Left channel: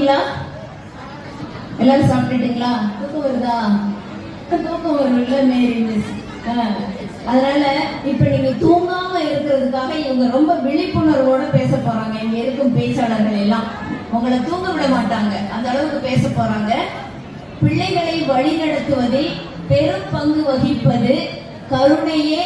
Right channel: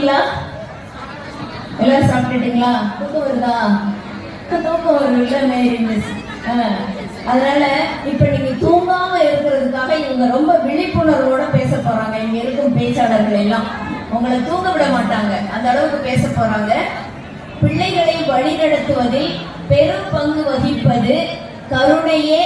சாப்பிட்டீங்களா? எல்லாரும் சாப்பிட்டுட்டீங்களா? தூக்கம் வருதா? தூக்கம் வரும் இல்ல மேரி மிஸ். அதனால இப்ப நீங்க தூங்காம இருக்கிறதுக்காக இவங்க ரொம்ப விழிப்புணர்வோட பேச போறாங்க. இங்க இருக்கும் பேச்சாளர்கள் எல்லாம் உங்களை தூங்க விட மாட்டாங்க, அந்த அளவுக்கு பேச போறாங்க. பிள்ளைகளை வழிநடத்துவதில் பெரும் பங்கு வகிப்பது கருணையே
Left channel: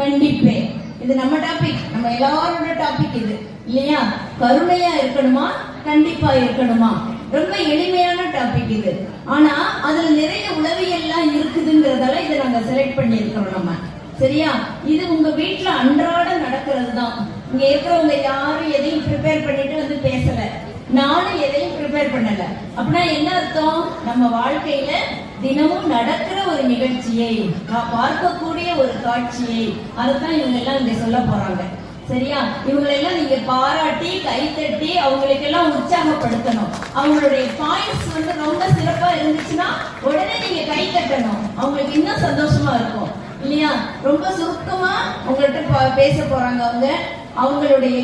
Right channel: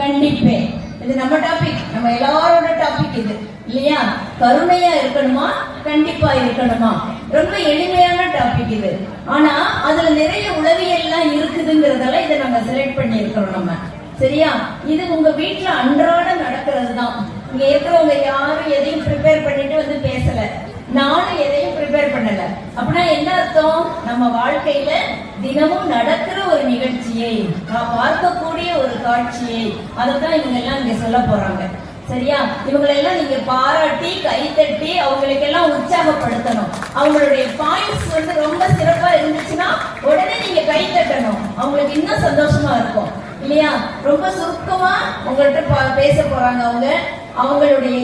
கண்டிப்பேன். இது நம்ம டாபிக், நம்ம எல்லாரோட டாபிக் இது இல்லையா? கருணையா இருக்கணுமா, கண்டிப்பா இருக்கணுமா? ரொம்ப எளிமையான டாபிக் இது. ஆனா அதுல நிறைய உளவியல்லாம் இருக்குதுங்கிறதால இதை நம்ம செலக்ட் பண்ணி இருக்கிறோம் நம்ம. சரியா? இது உங்க வீட்டுல அன்றாட நடக்கிறது தான். இங்க இருக்கிறவங்க யாரும் எதையும் ப்ரிப்பேர் பண்ணிட்டு வந்து பேசல, நானும் எதையும் ப்ரிப்பேர் பண்ணல. அப்படின்னா என்ன அர்த்தம்? நம்ம வாழ்க்கையில தினமும் நடக்கிற ஒரு நிகழ்ச்சியை, பார்க்கக்கூடிய ஒரு காட்சியை, அதைத்தான் இவங்க எல்லாம் இங்க சொல்ல போறாங்க. சரியா? இவங்களெல்லாம் நீங்க பாராட்டி கைத்தட்டி அவங்களுக்கெல்லாம் உற்சாகப்படுத்தணும். அவங்களுடைய பாயிண்ட்ஸ் வந்து ரொம்ப சிறப்பா இருந்துச்சுன்னா உடனே நீங்க கை தட்டணும். அவங்களுக்கு இன்னும் சந்தோஷமா இருக்கும் இல்லையா? ரொம்ப சுருக்கமா உங்கள்கிட்ட பேச போறாங்க அவங்க. அவங்களுடைய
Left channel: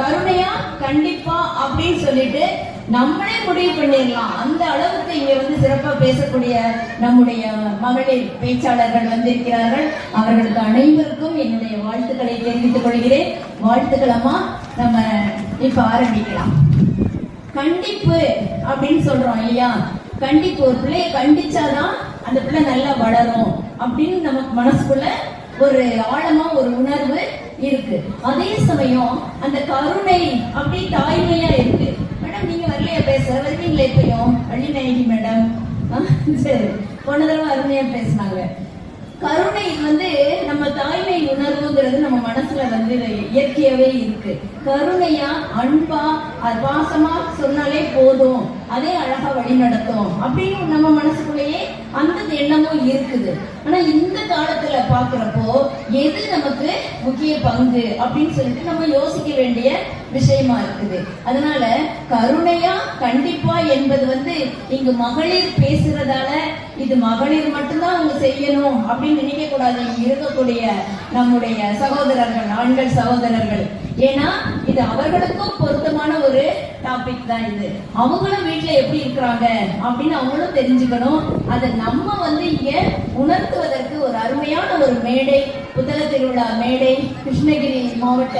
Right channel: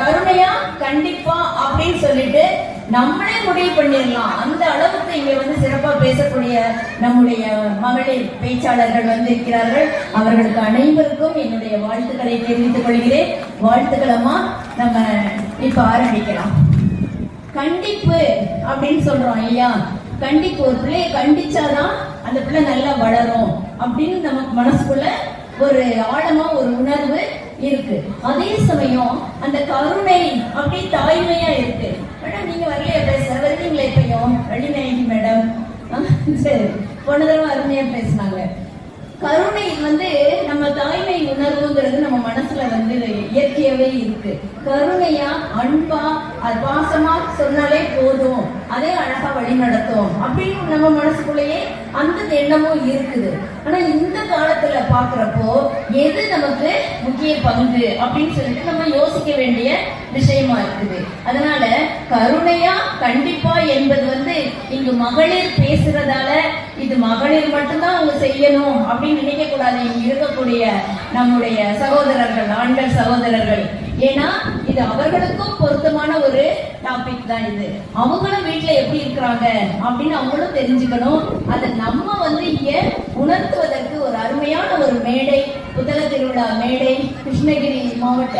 கருணையா கண்டிப்பா அப்படின்னு சொல்லிட்டு நம்மளே முடிவு பண்ணிடலாம். அந்த அளவுக்கு இங்க வந்து சிறப்பா பேசக்கூடிய நம்முடைய மகளிர் பேச்சாளர்கள் வந்து இருக்கிறார்கள். அவர்களுக்கு அனைவருக்கும் என்னுடைய வாழ்த்துக்களை தெரிவித்துக் கொள்கிறேன். வாழ்த்துக்கள் அம்மா. நம்ம இப்ப ஆரம்பிக்கலாம். கண்டிப்பு அப்படின்னு சொல்றோம் இல்லையா? கண்டிப்பு, ஒரு பிள்ளைய கண்டிச்சாதான் அந்த பிள்ளை நல்லா வளரும் அப்படின்னு நமக்கு மனசுக்குள்ள ஒரு ஆழமா ஒரு உணர்வு இருக்கு. அதே சமயம் அந்த கருணை அப்படி தாய்மையா இருக்கு. மேடம் நீங்க வரலையா பேச? வருவீங்களா? இப்பயும் வள்ளிநாயகி மேடம் சரி, போன தடவை அருமையா பேசினாங்க. கருணை வந்து நம்ம தாய்மை உணர்வுங்கிறது நம்ம மனசுல வந்து இயற்கையாவே இருக்கு. கருணையா அன்பா அது பாசமா சொன்னாலே போதும், அதே அழகா வழி நடத்தும் அப்படின்னு நம்ம மனசுக்குள்ளேயே அந்த எண்ணமும் இருக்குது. ஆனா இந்த காலத்துல பாக்குறப்போ எது நமக்கு முக்கிய பங்கு அப்படின்னு சொல்லிட்டு நம்ம யோசிக்க வேண்டிய விஷயமா இருக்குது. அதனால கருணையா கண்டிப்பா என்பது வந்து இங்கு மகளிர் பேசுறதால இது மகளிர் மட்டும்தான் அவங்க செய்யணும் அப்படின்னு நினைக்க கூடாது. இங்க இருக்கக்கூடிய நம்முடைய சகோதரர்கள், ஆண்கள் சகோதரர்கள், ஏன்னா இது அவர்களுக்கும் பொருத்தமான ஒரு டாபிக் தான் இது. அவங்களும் வீட்டுல எப்படி இருக்கிறாங்க அப்படின்னு அவங்களும் தெரிஞ்சுக்கணும். அதை நம்ம வந்து இங்க உணர்த்துவதற்கு ஒரு அருமையான ஒரு மேடை, புத்தக திருவிழா மேடை, கிருஷ்ணகிரி மாவட்ட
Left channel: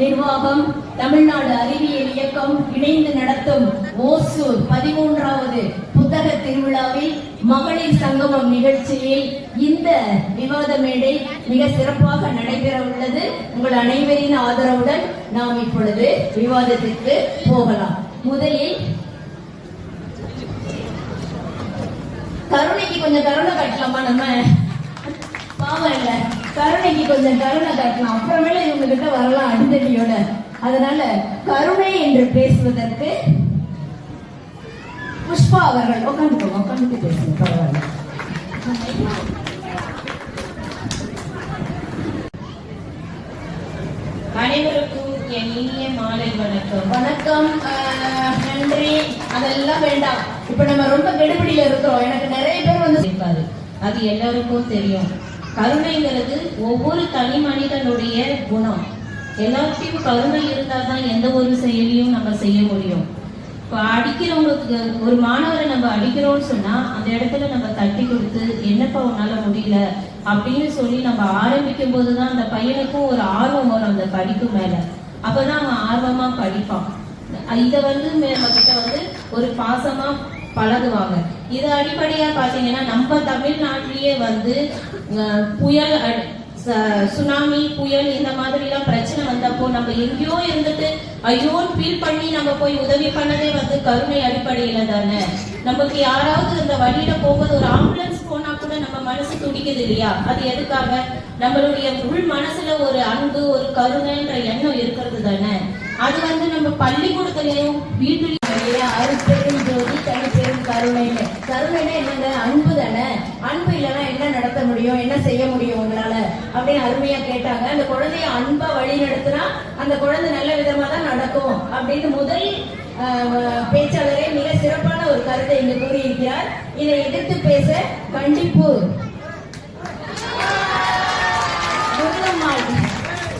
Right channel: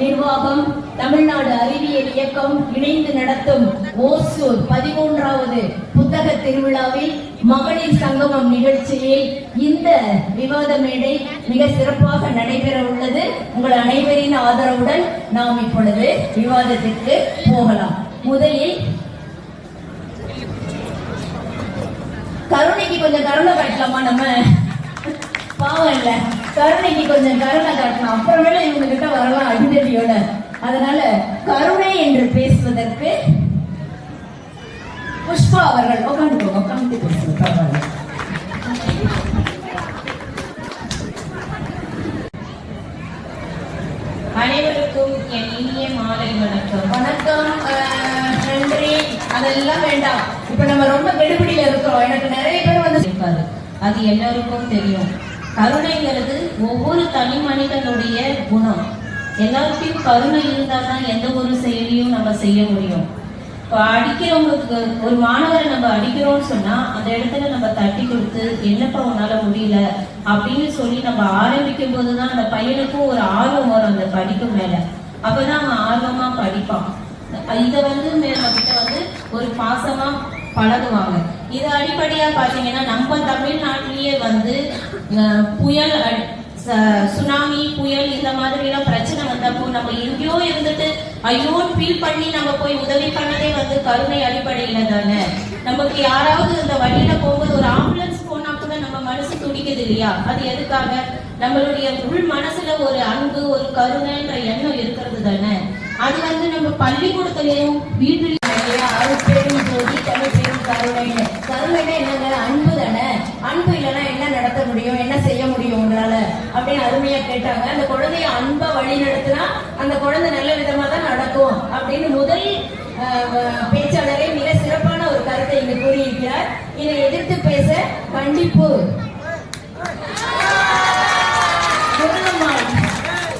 நிர்வாகம், தமிழ்நாடு அறிவியல் இயக்கம் இணைந்து நடத்தும் ஓசூர் 13வது புத்தக திருவிழாவில் மகளிர் சங்கமம் நிகழ்ச்சியில் இந்த விவாத மேடை மிக சிறப்பாக நடைபெற உள்ளது. உங்கள் அனைவரின் ஆதரவுடன் நாம் இப்பொழுது விவாதத்திற்கு போகலாம். முதலில் கருணைக்கு கொஞ்சம் கருணை காட்டலாமா? நம்ம பாவம் இல்ல, கருணைக்கு கொஞ்சம் கருணை காட்டலாம். அப்புறமேல இவங்க கிட்ட வரலாம் அடிதடியோட. அதனால கருணை என்று பேசுவதற்கு புஷ்பா அவர்கள் உட்காந்து பேசுங்க. அனைவருக்கும் என் இனிய மாலை வணக்கம். வணக்கம், நன்றி. அதெல்லாம் வேண்டாம். இப்ப நம்ம ரொம்ப கெடுபிடியில இருக்கிறோம். எனக்கு நிறைய பேர் வந்து இருக்காது, அது எல்லாருக்கும் தெரியும். கருணைங்கிறது ஒவ்வொரு தனி மனிதனுடைய குணம். எல்லாத்தையும் கருணை இருந்தால்தான் எந்த ஒரு செயலையும் நம்ம செய்ய முடியும். இப்போ அடிக்கிறவங்களுக்கு, ஒரு மாணவரை நம்ம அடிக்கிறோம்னு சொன்னா அந்த இடத்துல நம்ம தட்டி கொடுத்து என்னப்பா உன்னால முடியல அப்படின்னு சொல்லி நம்ம ஆரம்பிக்கும் போதுதான் அந்த பையனுக்கும் ஒரு ஆர்வம் வரும் அந்த படிப்பு மேல. அப்பதான் அவன் ஆர்வமா படிப்பான். இதை வந்து நம்ம கிட்ட வந்து ஒரு பாசமா பழகுவாங்க. இது அடிப்படையா பாத்தீங்கன்னா நம்ம தமிழ்நாட்டிலேயே வந்து புயல், சுனாமி, புயல் இந்த மாதிரி எல்லாம் பிரச்சனை வந்தப்போ நம்ம எங்கேயோ இருந்துட்டு ஐயோன்னு ஃபீல் பண்ணி நம்ம போய் உதவி பண்ணதே வந்து கருணை அடிப்படையில தானே. நமக்கு யாராவது இந்த வழியில போகும்போது ஒரு ஆம்புலன்ஸ் போனா கூட நம்ம மனசு துடிக்குது இல்லையா? அது எதுக்காக? நம்மளுடைய உள் மனசுல ஒரு அன்பு, ஒரு கருணைன்ற எண்ணம் இருக்கிறது தானே. அது வந்து நம்ம பள்ளிக்கூடத்துலயும் வீட்டுலயும் பெரும் ஜோதி பெரும் கருணை. கருணைனா என்னங்க? அன்பு தானே. அன்பு இல்லைன்னா என்ன நடத்த முடியும், என்ன செய்ய முடியும் உங்களால அப்படின்னு அருமையா கேட்டாங்க. அந்த குழந்தைய அன்பா வழி நடத்தினா அந்த குழந்தை நல்ல விதமா தான் நடக்கும் அப்படின்னு முதல் பேச்சாளரே மிக சிறப்பான ஒரு கருத்தை இங்கு கூறியிருக்கிறார். இதை எதிர்த்து பேச கண்டிப்பு.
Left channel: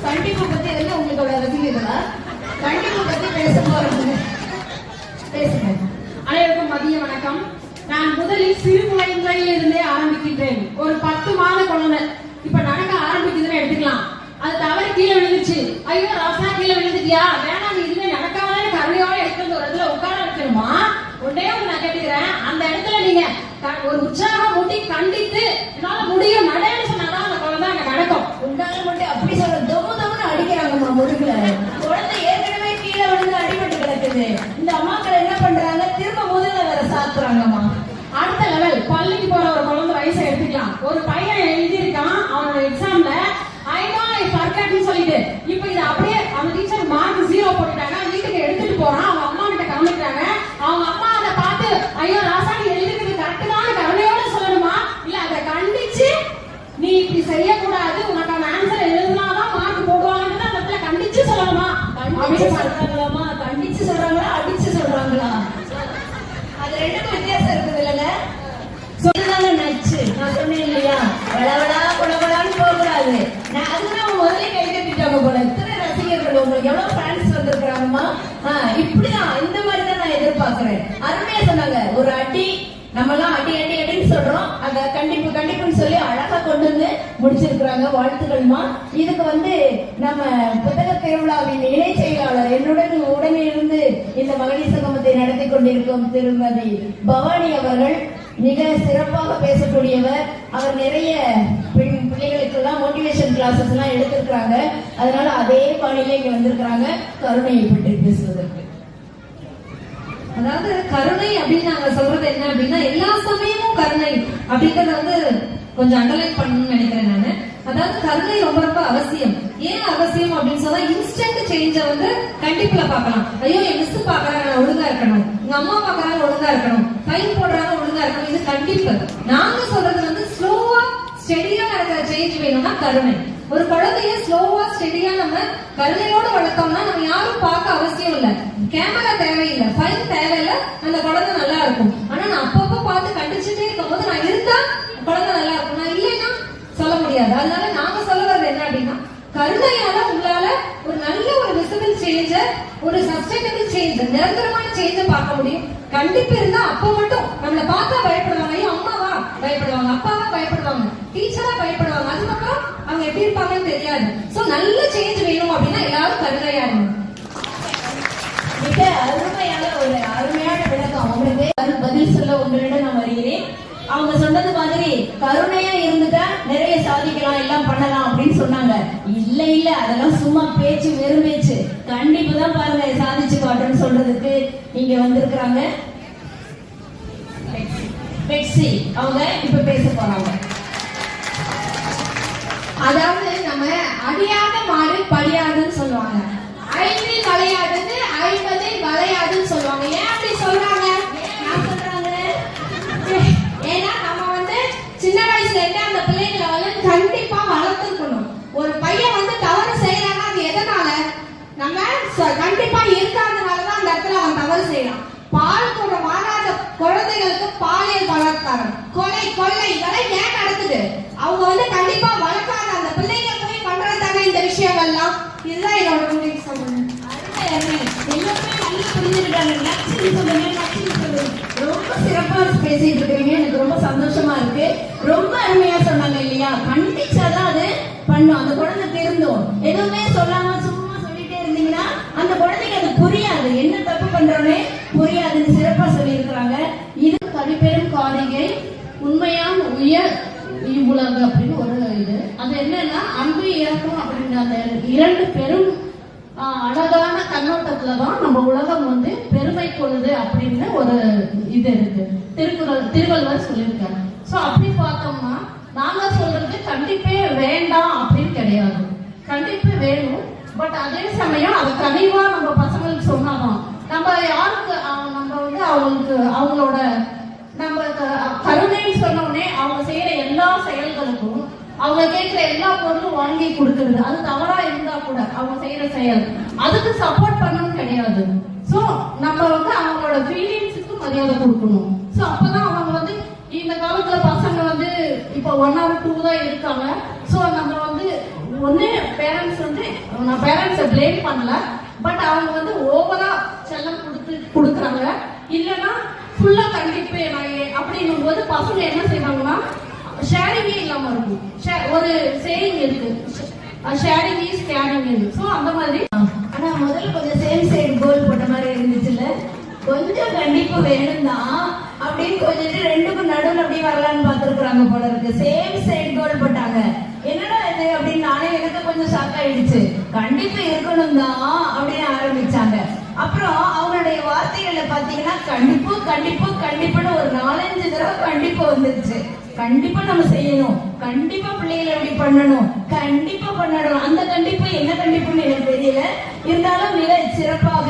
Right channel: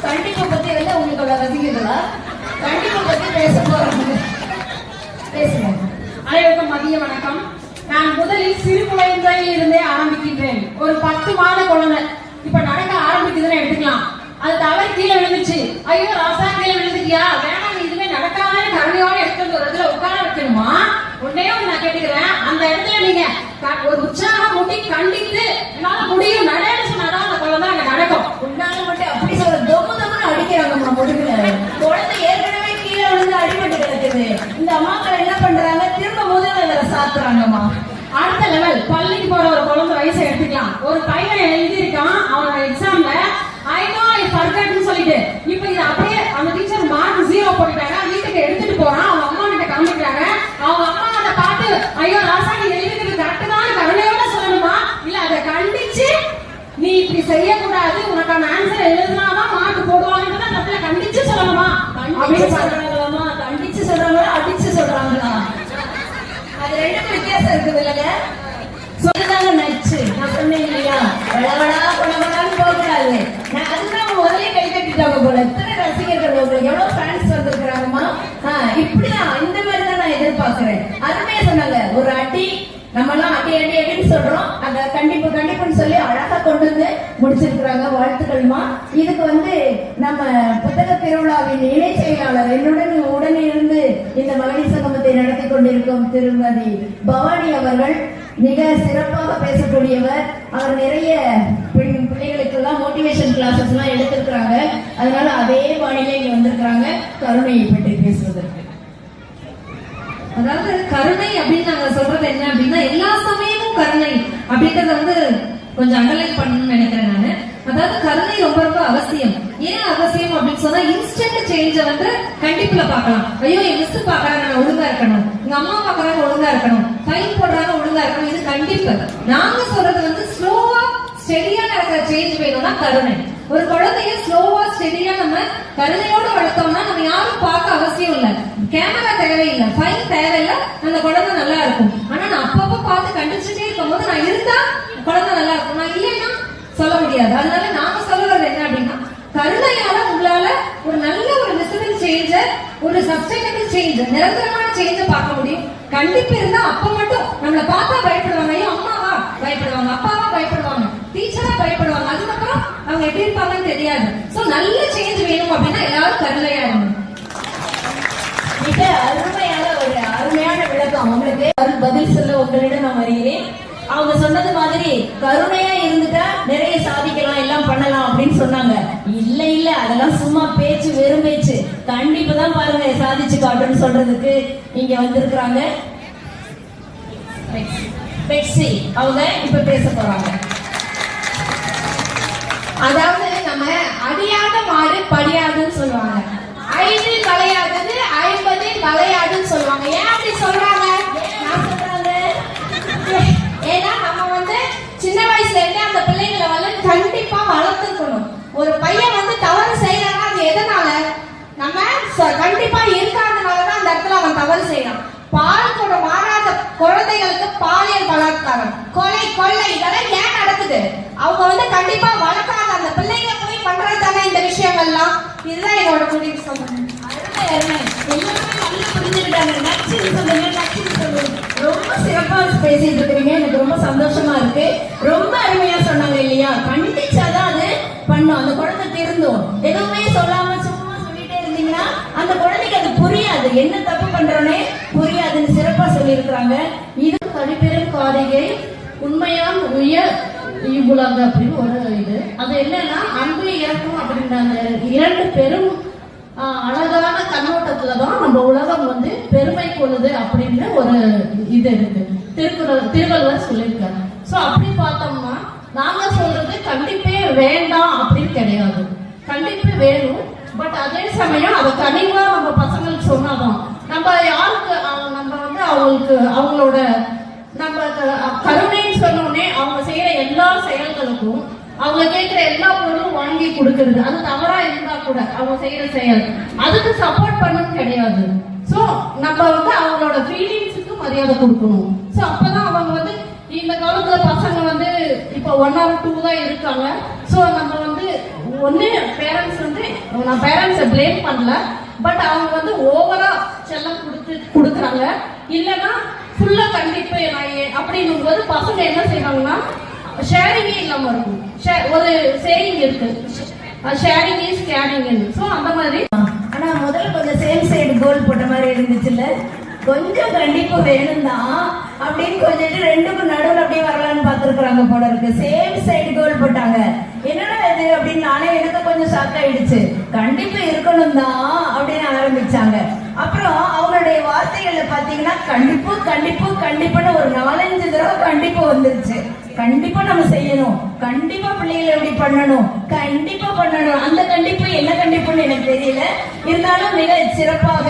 கண்டிப்பு பத்தி வந்து உங்களுக்கு அவ்வளவு ரசிக்கிறதா? கண்டிப்பு பத்தி பேச போறாங்க. பேசுங்க. அனைவருக்கும் மதிய வணக்கம். நான் முதலில் சிறு குழந்தையில் இருந்தே ஆரம்பிக்கின்றேன். ஒரு 10 மாத குழந்தை இப்ப நடக்க ஆரம்பிக்குதுன்னு எடுத்துக்கலாம். அது தவறு கீழே விழுந்துச்சு. ஐயோ ராசா கீழே விழுந்துட்டியா, வேணாம் நீ இதுவே நடக்காத கருணையோட எடுத்து ஒரு இடத்துல உட்கார வைக்கணுமா? உடனே நான் கேட்டுக்கிறேன், அந்த இடத்துல நீங்க ஒரு உற்சாகம் முட்டி கண்டித்து என்னால முடியும் நடன்னு சொன்னாதான் அந்த குழந்தை அங்க நடக்கும். உண்டால மட்டும் அப்படி சொல்ல தொகுதமுன்னு அடிக்கிறாங்கம்மா முதுகுல. குழந்தை ஏற்கனவே கீழே விழுந்து அடிபட்டு கிடக்குது. இந்த அம்மாக்கள் என்ன பண்றாங்க, திரும்ப முதல்ல வேற சாத்துறாங்கம்மா. அடுத்த லெவல் பள்ளிக்கு போற ஒரு குழந்தை வயசை எடுத்துக்கலாம். ஒரு பையன் எழுதியிருக்கான் அவனோட எக்ஸாம்ல ஐ நோ ஐ ஃபர்கட்னு சொல்லிட்டு, இப்ப இது அப்படியே அந்த டீச்சர் மார்க் 0 போட்டுட்டாங்க. வீட்டுக்கு எடுத்துட்டு போறான், அவங்க அம்மா கிட்ட காமிக்கிறாங்க. அவங்க அம்மா அதை பார்த்து ஐயோ ராசா நீ எழுதிக்கிறது கரெக்ட் தான் கருணையோட சொல்லணுமா, இல்ல அதை கண்டிச்சு நீ இப்படி செய்யக்கூடாது உனக்கான ஆன்சர் எழுதுனாதான் மார்க் போடுவாங்கன்னு அந்த இடத்துல கண்டிச்சு சொல்லணுமா கண்டிச்சு சொல்றாங்களாமா? கண்டிச்சு சொல்றாங்களா அடிச்சு சொல்றாங்களா? அது ரெண்டுக்கும் வித்தியாசம் இருக்குது இல்லைங்க. சொல்லுதாங்க நச்சு. நான் சொன்னேன் இல்லையா, வளவளா குளவளான்னு போகக்கூடாது. நான் அதுதான் முதலே கை கட்டிட்டாங்க போல. இத்தனை ரசிகர்கள் உங்களுக்கு எவ்வளவு ஃபேன்ஸ் வந்திருக்கிறாங்கம்மா. இப்படிதான் இந்த மாதிரி தான் நான் எதிர்பார்க்கிறேன். அருமையா சொன்னாங்க, ஒரு அடி நம்மளாம் அடி அடி அடின்னு சொல்றோம், அத கண்டிப்பு கண்டிப்புன்னு சொல்லி அழகா கொண்டு வந்து முடிச்சிருக்கிறாங்க. வாழ்த்துக்கள்மா. இதுக்கு நம்ம புத்தக திருவிழாவின் இணை செயலாளர் என்னுடன் உடனிருந்து இந்த மகளிர் சங்கமத்தை நடத்தி கொண்டிருக்கும் திருமதி பவானி அவர்கள் மிக சிறப்பாக பேசக்கூடியவர். அவர் நிறைய பிள்ளைகளுக்கெல்லாம் மோட்டிவேஷன் கிளாஸஸ் எல்லாம் எடுத்திருக்கிறாங்க. அதனால அதே பாணியில இங்க வந்திருக்கிறாங்க கருணையை பற்றி பேசுவதற்கு. அதாவது கருணை அப்படின்னு நாங்க சொல்றது என்ன அப்படின்னா, எல்லா சமயமும் கருணை அப்படின்றத கொஞ்சம் அண்டர்லைன் பண்ணணும்னு நினைக்கிறேன் நானு. அதாவது கருணை ரொம்ப ரொம்ப அவசியம். ஏன் அவசியம் அப்படின்னு சொன்னா, இன்ஸ்டன்ட் சேஞ்ச கண்டிப்புல பாக்கலாம். ஐயோ என் மிஸ் பாக்குறாங்க நான் ஒழுங்கா இருக்கணும், எங்க அம்மா பாக்குறாங்க ஒழுங்கா இருக்கணும், ஃபைன் போடுறாங்க ஒழுங்கா இருக்கணும், இது கண்டிப்பு. நாங்க சொல்றது ஸ்லோவா ஸ்டெடியா நடக்கிற சேஞ்ச் வேணும்னா கருணை. ஒரு குழந்தைய ஸ்லோவா ஸ்டெடியா நம்ம கருணையோட வளர்த்தோம்னா நம்ம யாரும் பார்க்க அவசியம் இல்ல, கேமரா தேவையில்லை, ஃபைன் தேவையில்லை, அந்த குழந்தை நல்லா இருக்கும். ஆனா நான் அப்பப்ப பார்த்து கண்டிச்சுட்டே இருக்கும் போது நான் இருந்தா குழந்தை நல்லா இருக்கும், நான் இல்லைன்னா சொல்ல முடியாது. அதனால நாங்க சொல்றது என்ன அப்படின்னா, கருணையால உங்களால ஒரு நல்ல ஒரு விசிபிள் சேஞ்ச, ஒரு சஸ்டைனபிள் சேஞ்ச், நிரந்தரமான சேஞ்ச பார்க்க முடியும். கண்டிப்பு இருந்தா அப்ப மட்டும் நம்மளை பார்த்தா பயப்படுவாங்க. ஐயோ அம்மாவா பயப்படுவாங்க, அப்பாவா பயப்படுவாங்க, டீச்சரா பயப்படுவாங்க. அதுக்கப்புறம் அவங்க எப்படி இருப்பாங்கன்னு தெரியாது. சோ நல்ல சேஞ்ச் வேணும் அப்படின்னா எல்லாரும் கருணையா இருக்கணும். மிக அருமையான ஒரு அருமையான விளக்கம். உங்களுக்கு பதில் சொல்ல உங்களிடம் நான் வருகிறேன். அவங்க சொன்னது மாதிரி கருணையா இருந்துட்டா நிறைய சாதிக்கலாம், எல்லாம் பண்ணலாம் அப்படின்னு சொன்னாங்க. இல்ல இல்ல அதெல்லாம் சும்மா பேச்சு, வெறும் பேச்சு. கண்டிப்பு தான் பாருங்க சாதிச்சு காட்டுன்னு சொல்றதுக்கு இங்க வந்திருக்கிறாங்க. பெட்சி அவங்க இப்ப பேச போறாங்க. அதாவது நம்ம அடியாத மாடு படியாதுன்னு சொல்லுவாங்க, ஐந்தில் வளையாதது 50 வளையாதுன்னு சொல்லுவாங்க. ஏன் அப்படி சொல்றாங்க? ஏன்னா நம்ம சின்ன வயசுல இருந்தே அந்த பிள்ளைகளை கண்டிப்பா வளர்த்துக்கணும். ஒரு பையன் தவறு செய்யறாங்க, அது எதனால? நம்ம கண்டிப்பா இருக்காதனாலதான் அந்த இடத்துல அவன் தவறு செய்யறான். பால் கூட வாங்காத குழந்தைகளுக்கு பாலியல் பலாத்காரம், கொலை, கொள்ளை இதெல்லாம் ஏன் நடக்குது? அவங்க கண்டிப்பா வளர்க்காத அந்த பிள்ளைங்க போய் பண்றதுதானே இந்த விஷயங்கள்லாம். இதுதான் என்னோட முடிவு. சொல்றேன் எல்லாருமே நல்லா புரிஞ்சுக்கிட்டாங்க. நச்சுன்னு சொல்லுங்க, நச்சுன்னு சொல்லுங்க. ரொம்ப சிறப்பா பேசிட்டு இருக்கீங்க, எனக்கு ரொம்ப சந்தோஷமா இருக்கு. ரொம்ப அருமையா சொன்னாங்க இல்லையா, கண்டிச்சாதான் அது பண்ணும். அந்த குழந்தை திருந்தும். எதுவுமே சொல்லாம சும்மா சொல்லிட்டே இருந்தீங்கன்னா அந்த குழந்தைக்கு அது புரியாது, என்ன தப்பு பண்றோன்னே புரியாதுன்னு சிறப்பா சொல்லியிருக்கிறாங்க. இது தனிப்பெரும் காரிகை உண்மையான உயர் இவ்வுலக அப்படின்னு ஒரு இது. அது என்னன்னா அன்பு இறக்கும் அப்படின்ற அந்த 2 பெரும் அழகான கண்ணோட்டத்துலதான் நம்ம உலகம் பெருமை கொள்ளுது அப்படின்னு ஒரு இது இருக்கு. திருவள்ளுவர் சொல்லியிருக்காங்க. சோ அப்படி பார்த்தோம்னா நாங்க சொல்றது கண்டிப்பே வேண்டாம் அப்படின்னு கிடையாது. கண்டிப்பு வேணும். பட் அதே சமயம் அதை கனிவா நம்ம பசங்களுக்கு சொன்னாதான் நம்ம யாருக்கு நம்ம அவங்களோட நம்ம கருணைன்னு சொன்னோடனே அவங்க செய்யற எல்லா செயல்களுக்கும் அவங்க கேட்கிற எல்லா பொருளும் வாங்கி கொடுக்கறது அது தவறா இருந்தா கூட அவங்க செய்யற செயல் அதுக்கு சப்போர்ட் பண்ணணும் கிடையாது. சோ நம்ம அவங்களோட ஃபீலிங்ஸுக்கு மரியாதை கொடுக்கணும். சோ அப்பதான் அவங்க இந்த காலத்துல பசங்க இப்ப 1 or 2 தான் இருக்காங்க. சோ நம்ம ஒண்ணு பேரண்ட்ஸ் நான் பேரண்ட்ஸை பிளேம் பண்ணல, பட் அவங்க ஓவரா செல்லம் கொடுத்து கொடுக்குறாங்க. இல்லைன்னா ஃபுல்லா கண்டிப்பு அப்படின்னும் போது பசங்க என்ன செய்வாங்கன்னா ஷேரிங்கே இல்லாம இருக்கும். ஒரு சேயிங் இருக்கு, ஷேரிங் இஸ் கேரிங். ஸோ அந்த மாதிரி. ஆனா முதல்ல கொஞ்சம் சேம் சைடு கோல் போட்ட மாதிரி இருந்துச்சுல்ல, கொஞ்சம் கண்டிப்பு வேணும்தான் அப்படின்னு கொஞ்சம் ரெண்டுக்கும் நடுவில் அப்படியே வரலான்னு பார்த்துருக்குறாங்க போல இருக்கு. சேம் சைடு கோல் போட்டாங்க. என்னடா இது அப்படின்னு நானே எனக்கு கொஞ்சம் ஷாக் ஆயிடுச்சு. கண்டிப்பா இருக்கணும் தான் அப்படின்னு ஆரம்பிச்சாங்க. அப்புறம் அவங்களுடைய வார்த்தைகள்ல பாத்தீங்கன்னா கண்டிப்பு கண்டிப்பு கண்டிப்புன்னு ஒரு 4-5 தடவை கண்டிப்பு வந்துருச்சு. கண்டிப்பா நம்ம செய்யணும், கண்டிப்பா பிள்ளைகளை எப்படி பண்ணணும், கண்டிப்பா பண்ணணும். அந்த கண்டிப்பு என்ன கண்டிப்புன்னு எனக்கு தெரியல. இருந்தாலும் மிக சிறப்பாக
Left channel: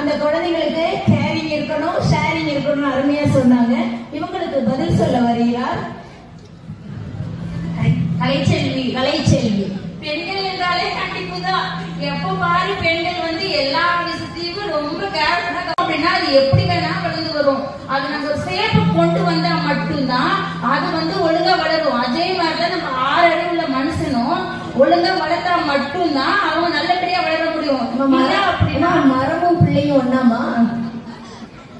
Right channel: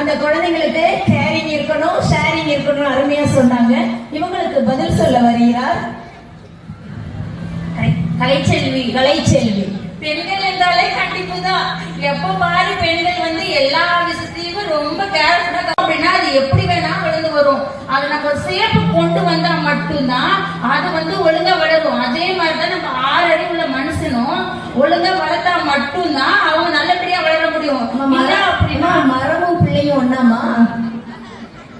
அந்த குழந்தைங்களுக்கு கேரிங் இருக்கணும், ஷேரிங் இருக்கணும் அருமையா சொன்னாங்க. இவங்களுக்கு பதில் சொல்ல வருகிறார் கலைச்செல்வி. பெண்கள் என்றாலே கண்டிப்பு தான். எப்ப பாரு பெண்கள் வந்து எல்லா விஷயத்தையும் ரொம்ப கேர்ஃபுல்லா அப்படின்னா அது எப்படி வேணா வளர்ந்து வரும். அதை நம்ம சேப்பு கொண்டு வந்தா மட்டும்தான் அது வந்து ஒழுங்கா வளரும். அதே மாதிரிதான் நம்ம 6 அறிவுள்ள மனுஷனும் ஒழுங்கா வளர்த்தா மட்டும்தான் அவங்க நல்லபடியா வளர முடியும். அப்படின்னா மரமும் பிள்ளையும் ஒண்ணாமா?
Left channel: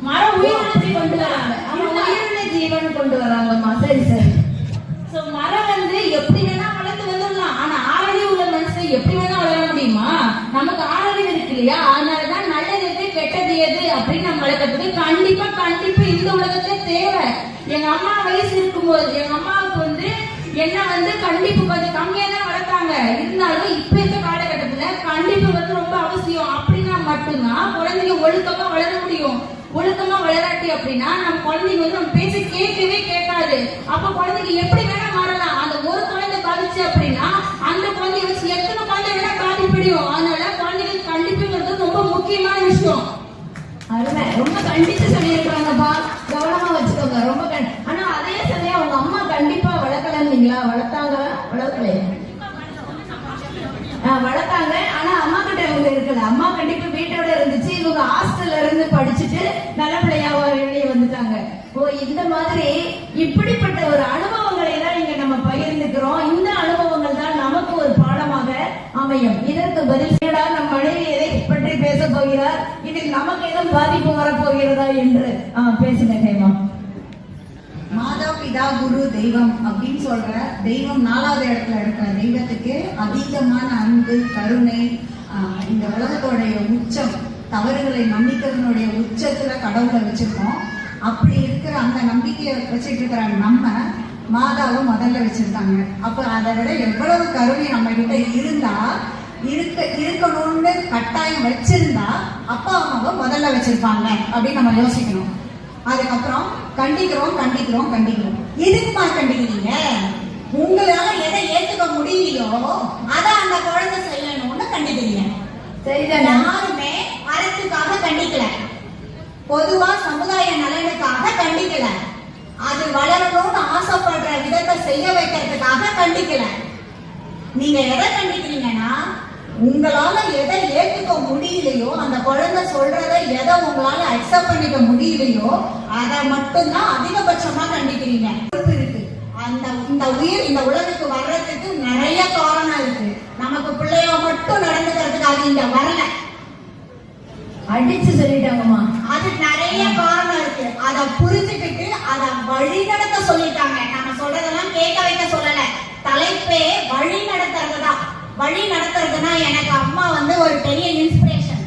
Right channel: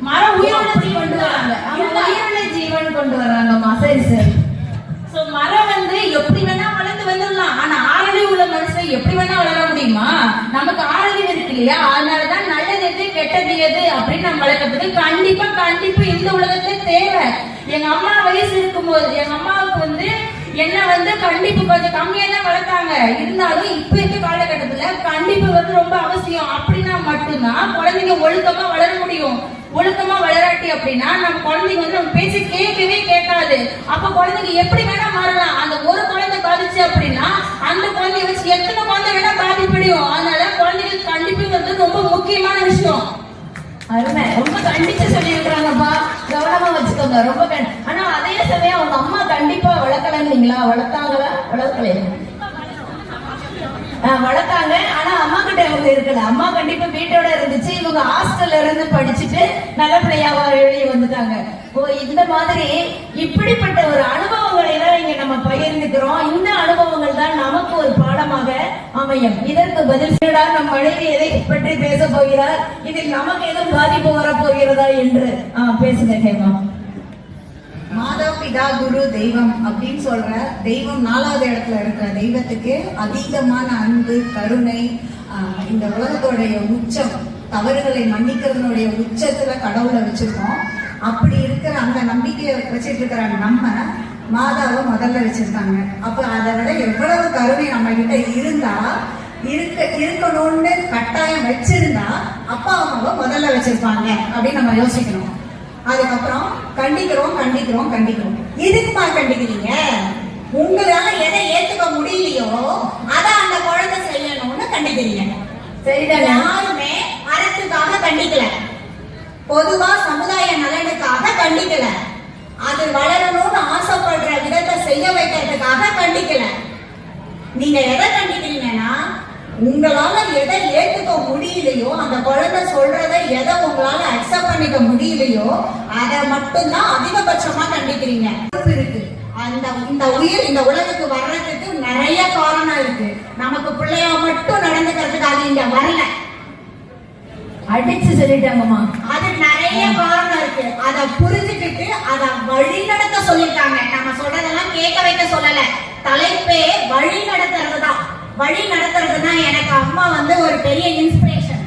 மரம் உயிரோட ஜீவன் கொண்டு வராங்க, உயிரோட ஜீவன் கொண்டு வராங்கம்மா. சரி சரி. மரம் வந்து எப்படி வேணா வளர்ந்து வந்துடலாம். ஆனா 6 அறிவு உள்ள மனுஷன் எப்படி வேணா வளர முடியுமா? நமக்கு 6 அறிவு இருக்கு இல்லையா? அதனாலதான் நல்லது எது கெட்டது எது அப்படின்னு நம்ம வளர்க்கறதுக்கு கண்டிப்பா இந்த உலகத்துல தேவை. எங்க அம்மா வயசு இருக்கும்போது எங்க அம்மாவுக்கு வந்து என்ன வந்து கண்டிப்பு கொஞ்சம் கம்மியா தான் வளர்த்தாங்க. இருந்தாலும் இப்ப இருக்க காலகட்டத்துல கண்டிப்பு வந்து ரொம்ப அவசியம். அப்படின்னா மட்டும்தான் குழந்தைங்க ஒழுக்கமா வளர முடியும். ஒழுக்கமா வளராட்டி அப்படின்னா நம்ம குழந்தைங்க வந்து நம்ம பேசி கேட்கவே கேட்காது. அப்ப குழந்தைங்க எப்படி வேணா மாறலாம். அந்த ஒரு குழந்தை பாதிச்சு அப்படின்னா அந்த குழந்தைய வச்சு எத்தனை குழந்தை வேணா பாதிப்படையும். அதனால குழந்தைங்களுக்கு கண்டிப்பு வந்து ரொம்ப முக்கியமான விஷயம். அருமை, ரொம்ப கண்டிச்சு சொல்லியிருக்கிறாங்கப்பா. கவனமா வச்சுக்கோங்க. ரொம்ப ஆனா அதே சமயம் அவங்க அம்மா கண்டிப்பா வளர்க்கலங்களா? வளர்க்கலையா? வளர்த்தாங்க. ஆனா அம்மா கிட்ட இவங்க இருக்கல. அம்மா கண்டிப்பா வீட்டோட இருந்துச்சு. இவங்க ஹாஸ்டல்ல இருந்து படிச்சுட்டு நல்ல பிள்ளையாவா வெளியே வந்துட்டாங்க. ஓ, இந்த மாதிரி இப்படிப்பட்ட ஒரு அனுபவங்களை தான் இங்க நம்ம பகிர்ந்துக்கிறோம். இந்த அனுபவங்கள் தான் நமக்கு ஒரு பாடமாக அமையும். இதற்கு பதில் நம் மனைவி எதை பற்றி பேச போகிறார், இதில் நமக்கு எதுவும் பாதிப்பு வரப்போகிறதா என்று பேசுங்க கேமா. மாதா பிதா குரு தெய்வம் அப்படின்னு சொல்ற தெய்வம் 4வது இடத்துல இருக்கிற தெய்வத்துக்கு அதீதமான அன்பு கருணை, இந்த உலகத்தோடைய உச்சம், தவறுகளை மன்னிக்கிறதுனுடைய உச்சத்துல கடவுளை வச்சிருக்கோம். அப்படி இருக்கிற அந்த நம்பிக்கையை வச்சுட்டு இருக்கிறாங்க. நம்ம மாதாவை முதல்ல வச்சிருக்காங்க. அப்ப அதை விட எவ்வளவு கருணை நம்ம கிட்ட இருந்தா இருக்கணும்னு கட்டாயம் வச்சிருந்தா அப்பா அம்மாவை முதல்ல வச்சிருப்பாங்க அப்படின்னு நம்ம யோசிக்கணும். அதுக்கப்புறம் கண்டிக்கிறோம். இதுக்குமா கண்டிக்கிறீங்க? உங்களால எதை ஏத்துக்க முடியலையோ அதை அந்த குழந்தை செய்யணும்னு கண்டிக்கிறீங்க. சரிதான். யாருமே அறத்துக்காக கண்டிக்கல, பொதுவா சமுதாய நலனுக்காக கண்டிக்கல, அது வளரணும்னு ஆசைப்படுற விதத்தை செய்ய வைக்கிறதுக்காக கண்டிக்கல. நீங்க எதை கண்டிக்கிறீங்கன்னா உங்களால எதை ஏத்துக்க முடியலையோ, அந்த குழந்தை சொல்றதை எதை உங்களால அக்செப்ட் பண்ணிக்க முடியலையோ அதை மட்டும்தான் அதிகபட்சமா கண்டிக்கிறீங்க. இருக்கு இந்த உயிர் இந்த உலகத்துக்கு வர்றதுக்கு நிறைய காரணம் இருக்கு. நமக்கு பிள்ளையா மட்டும் நடந்துக்கிறதுக்காக இங்க வரல. அடிச்சு சொல்லிட்டாங்கம்மா. அது நிறைய காரணம் இருக்கு. அதை புரிஞ்சுக்கிட்டு அதை வழி நடத்த சொல்லிட்டாங்க. நம்ம சொல்றதெல்லாம் கேட்க வைக்க சொல்லல. தலைப்பே வழி நடத்துறதுதான். வழி நடத்துறதுன்னா எனக்கு அம்மா வந்து ஒரு பெரிய இன்ஸ்பிரேஷன்.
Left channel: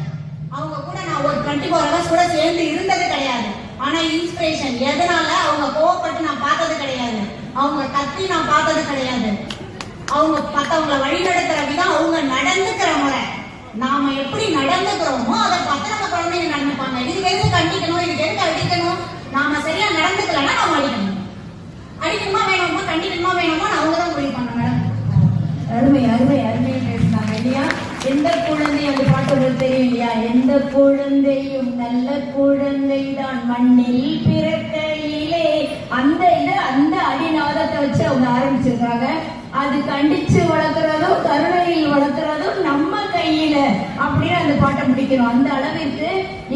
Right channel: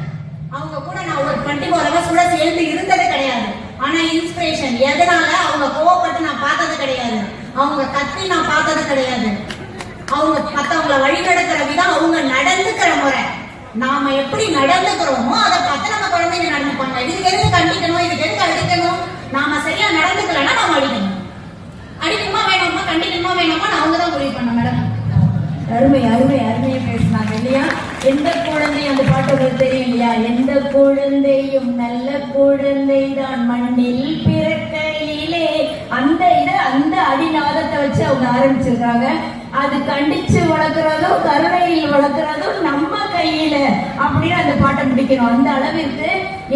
அவங்க கூட நான் ஒரு 24 hours கூட சேர்ந்து இருந்தது கிடையாது. ஆனா இன்ஸ்பிரேஷன் எதனால? அவங்க கோவப்பட்டு நான் பார்த்தது கிடையாது, அவங்க கத்தி நான் பார்த்தது கிடையாது. அவங்க மத்தவங்களை வழி நடத்துற விதம், அவங்க நடந்துக்கிற முறை, நாம எப்படி நடந்துக்கிறோமோ அதை பார்த்து நம்ம குழந்தைங்க நடந்துப்பாங்க. இதுக்கு எதுக்கு கண்டிக்கணும், இதுக்கு எதுக்கு அடிக்கணும்? நாம சரியா நடந்துக்கலன்னா நம்ம அடிக்கணும். அடிக்கணுமா வேணுமா, கண்டிக்கணுமா வேணுமா அவங்க தான் முடிவு பண்ண. மேடம் அருமையா பேசினாங்க இல்லையா? எந்த குழந்தை, அந்த பாட்டு உங்களுக்கு தெரியும் இல்லையா? எந்த குழந்தையும் நல்ல குழந்தை தான் மண்ணில் பிறக்கையிலே. அந்த அடிநாதத்தை வச்சு அவங்க ஆரம்பிச்சிருக்காங்க. அது கண்டிச்சு வளர்க்கறதும் கருணையில் வளர்க்கறதும் நம்ம கையில அப்படின்னு அந்த பாட்டை முடிக்கணும். அந்த அளவிற்கு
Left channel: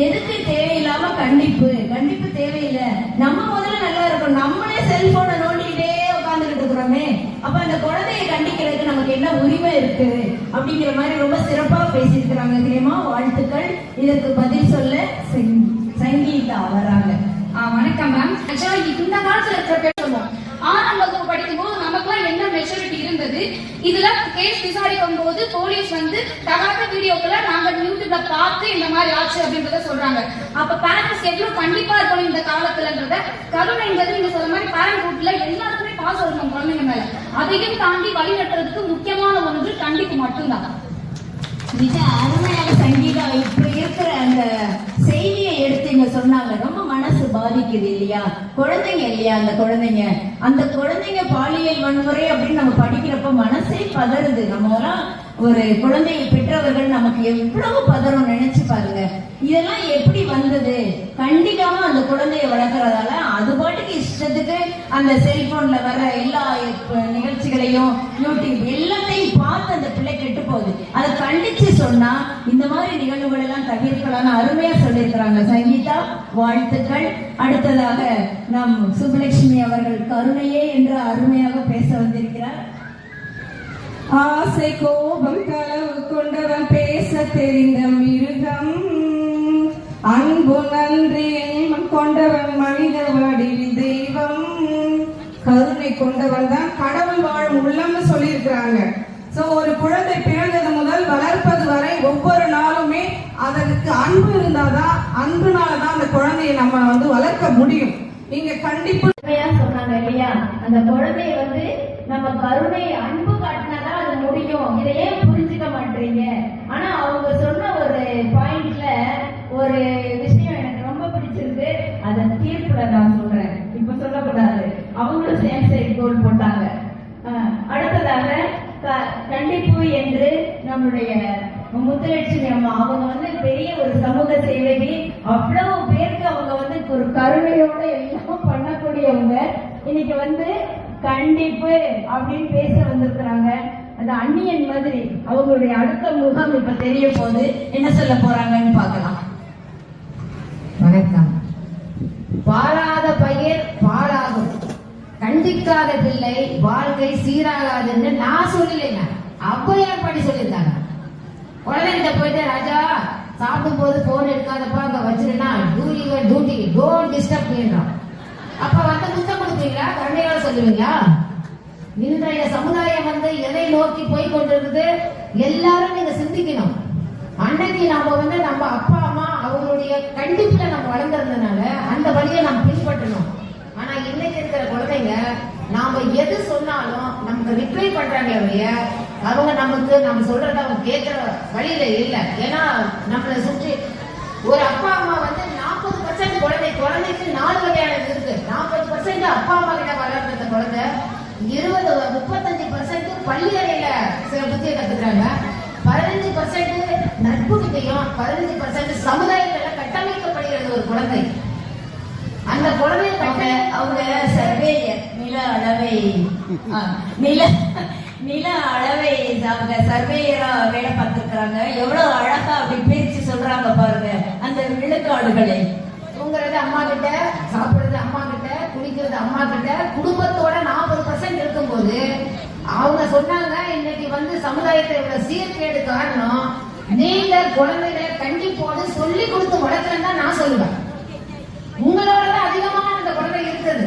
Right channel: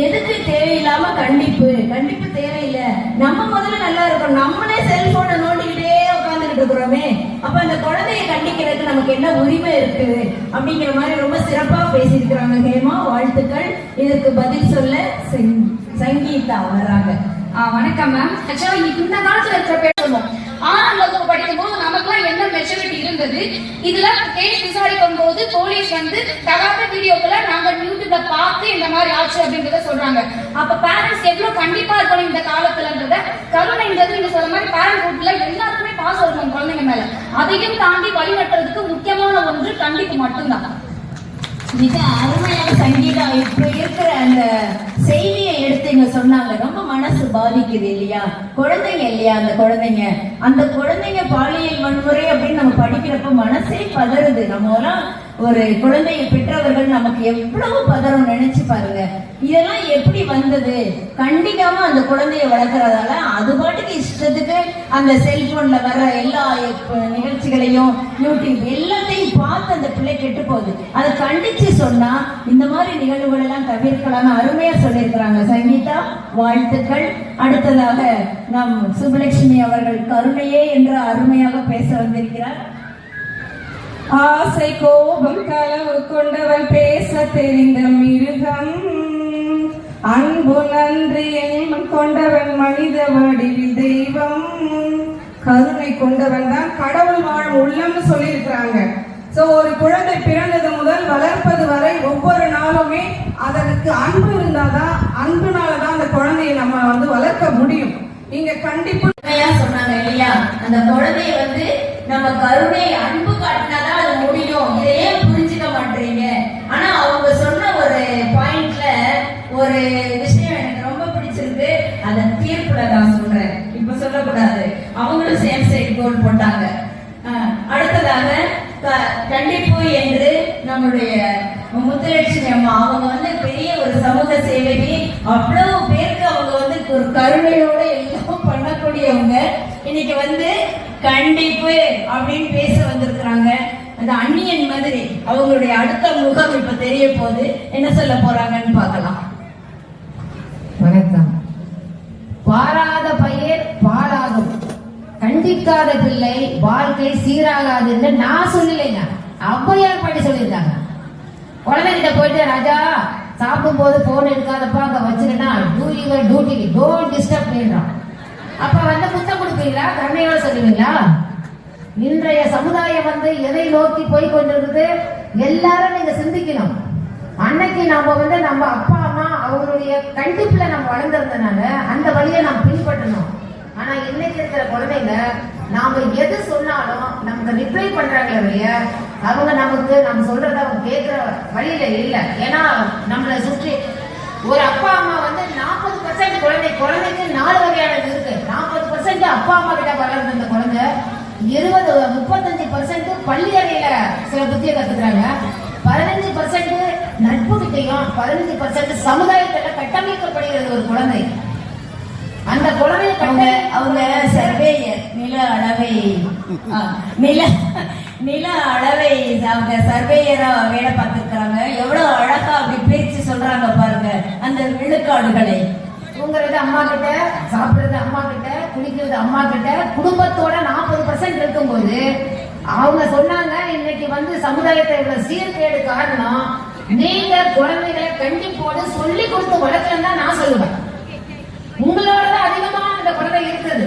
எதுக்கு தேவையில்லாம கண்டிப்பு தேவையில்லை. நம்ம முதல்ல நல்லா இருக்கணும். நம்மளே செல்போனை நோண்டிக்கிட்டே உட்காந்துக்கிட்டு இருக்கிறோமே, அப்ப அந்த குழந்தைய கண்டிக்கிறதுக்கு நமக்கு என்ன உரிமை இருக்கு அப்படிங்கிற மாதிரி ரொம்ப சிறப்பா பேசியிருக்கிறாங்க. ஹேமா, வாழ்த்துக்கள். இதற்கு பதில் சொல்ல சங்கீதா வர்றாங்க. வணக்கம் மேம். ஆக்சுவலா இந்த காலத்துல இருக்கிற பேர் சொல்லுவோம், 6ஆம் வகுப்பு படிக்கும்போது நமக்குலாம் என்ன மெச்சூரிட்டி இருந்தது. இதுல கேஸ் விசாரிக்கும் போது போலீஸ் வந்து தகாத வீடியோக்களை நாங்க யூடியூப்ல பார்த்து இந்த மாதிரி ஆச்சு அப்படின்றத சொல்றாங்க. அப்ப பேரண்ட்ஸ் எவ்வளவு கண்டிப்பா இருக்கணும் இந்த காலத்துலன்றத. கருணைன்றது நீங்க சொல்ற மாதிரி பேரண்ட் ரூட்ல எல்லாருக்குமே பாசம் இருக்கும் குழந்தைங்க மேல. அதையும் தாண்டி வழிநட்டுறதுக்கு முக்கியமான ஒன்று கண்டிப்பு மட்டும்தான். மிக அருமையான சங்கீதா இப்ப இருக்கிற அந்த செய்தியை எடுத்து இங்க சொன்னாங்க. ரொம்ப மனசு பாதிக்குது இல்லையா, குழந்தைங்க இல்லையா, அந்த குழந்தைங்க பாலியல் வன்முறை அப்படின்னு நம்ம படிக்கிறப்ப மனசே பதறுது. நம்ம ஒரு குழந்தையை பெற்றவர்கள் நமக்கு எவ்வளவு பதறம் நினைச்சு பாருங்க. இதெல்லாம் எப்படி வந்தது? கண்டிக்காம அந்த குழந்தைய வளர்க்கறதால அது பாட்டுக்கு இஷ்டத்துக்கு அந்த செல்போன்ல வர எல்லா நிகழ்ச்சிகளையும் யூடியூப் எல்லாத்தையும் பார்த்து அந்த பிள்ளை கெட்டு போகுது. அதை கண்டிச்சு சொன்னா இந்த மாதிரி நிகழ்வுகள் எல்லாம் தவிர்க்கலாம்னு அருமையா சொல்லியிருக்கிறாங்க. சங்கீதா, வாழ்த்துக்கள். அடுத்ததாக நம் சுப்புலட்சுமி அவர்கள் கருணையே என்று அருமையாக பேச வந்திருக்கிறார். ஆசை கோபம் களவு கொண்டவன் பேச தெரிந்த மிருகம், அன்பு நன்றி எண்ணம் கொண்டவன் மனித வடிவில் தெய்வம், கருணை கொண்டவன் தான் கடவுள் வாழும் உள்ளம்னு சொல்லியிருக்கிறாங்க. சோ ஒரு குழந்தை பிறந்தது முதல் வளர்ப்பது வரை ஒவ்வொரு நாளுமே அதற்கு அன்பு இருந்தாதான், அன்புனாலதான் அந்த குழந்தையை நம்ம வளர்க்க முடியும். நீங்க கண்டிப்பா சொன்னாங்க இல்லையா, அந்த குழந்தைய நம்ம கருணை அன்பு காட்டினாதான் அது முடியும். இதையே புரிஞ்சுக்க மாட்டீங்க. ஆனா அவங்க சொன்ன ஒரு பாயிண்ட்ல ஒரு விஷயம் எனக்கு ரொம்ப பிடிச்சிருக்கு. அதை தீர்ப்புல நான் சொல்றேன், இப்ப சொல்லக்கூடாது. அவங்களும் சேம் சைட் கோல் போட்டாங்க. அடுத்ததாக கண்டிப்பு என்று நம்முடைய முத்துலட்சுமி அம்மா அவங்க பெரிய ஒரு சமூக சேவைக்கு அவ்வளவு பேருக்கு அவங்க ஒரு கருணையோட எல்லாம் பண்ணக்கூடியவங்க. இன்னைக்கு கண்டிப்பு அப்படின்னு பேச வந்திருக்கிறாங்க. அது அந்நியன் மாதிரி அவங்களுடைய அடுத்த முகம் இப்ப தெரிய போகுது. என்ன சொல்ல போறாங்கன்னு பார்க்கலாம். வணக்கம். பாராத பயிர் பாலாகும், கண்டிக்காத பிள்ளை வாழ்க்கை சீராகாது என்று நான் சொல்லலைங்க, ஔவையார் பாட்டி சொல்லியிருக்காங்க. குழந்தைகிட்ட போயிட்டு, ராஜா சாப்பிடும் போது போன் எடுக்காதப்பா, அங்க வச்சிருந்தா two your duty, don't disturb பண்றான். அப்ப முத்தம் கொடுப்பீங்களா, தன்மையோட சொல்லுவீங்களா? இன்றைய சமுதாயம் எதை நோக்கி போய் கொண்டிருக்குது எல்லாரும் நீங்க சிந்திக்கணும். அன்னைக்கு நாம நம்ம அப்பா அம்மா அவங்களுடைய கண்டிப்புல நம்ம வளர்ந்ததுனால அந்த வழியை நாம் பின்பற்றணும். ஆனா இன்னைக்கு இருக்கிற குழந்தைங்க நாம எது சொன்னாலும் நமக்கு ரிப்ளை பண்றாங்களே, அவங்க நம்ம சொல்றத அவங்க கேட்கிற வழியில இல்ல. ஏன்னா நம்மளை சுற்றி ஒரு அப்பா அம்மா 40% குழந்தைக்கு 4 வகையானது இருக்கு. 40% அப்பா அம்மா கிட்ட வளர்ந்த அந்த குழந்தை 35% பள்ளி அறையில சில புத்தியை கத்துக்கிறாங்க, 15% நட்பு கிட்டையும், 15% சமுதாயத்துல கட்டமைக்கப்படுகிறது ஒரு குழந்தை. அந்த குழந்தை அவங்க சர்வேயர் நில அளவை அவங்க சர்வேயரா வேலை பார்த்திருக்கிறாங்க. எவ்வளவு அழகா அப்படி பேச்சு சொல்றாங்க பாருங்க அந்த விழுக்காடுகளை. தூங்குறது அம்மா கிட்ட, சாப்பிடுறது அம்மா கிட்ட, குளிக்கிறது அம்மா கிட்ட, குடும்பத்தோட 40% இருக்கும்போது அவங்க சொன்னாங்க. இன்னைக்கு சமுதாயத்தை சீர்கேடு காரணம் நீங்க குழந்தைகளை கண்டிப்போடு சொல்லி கொடுத்து வளர்க்கலன்னு தான் நான் சொல்லுவேன். உங்களோட அதிகமா அந்த குழந்தை இருக்குது.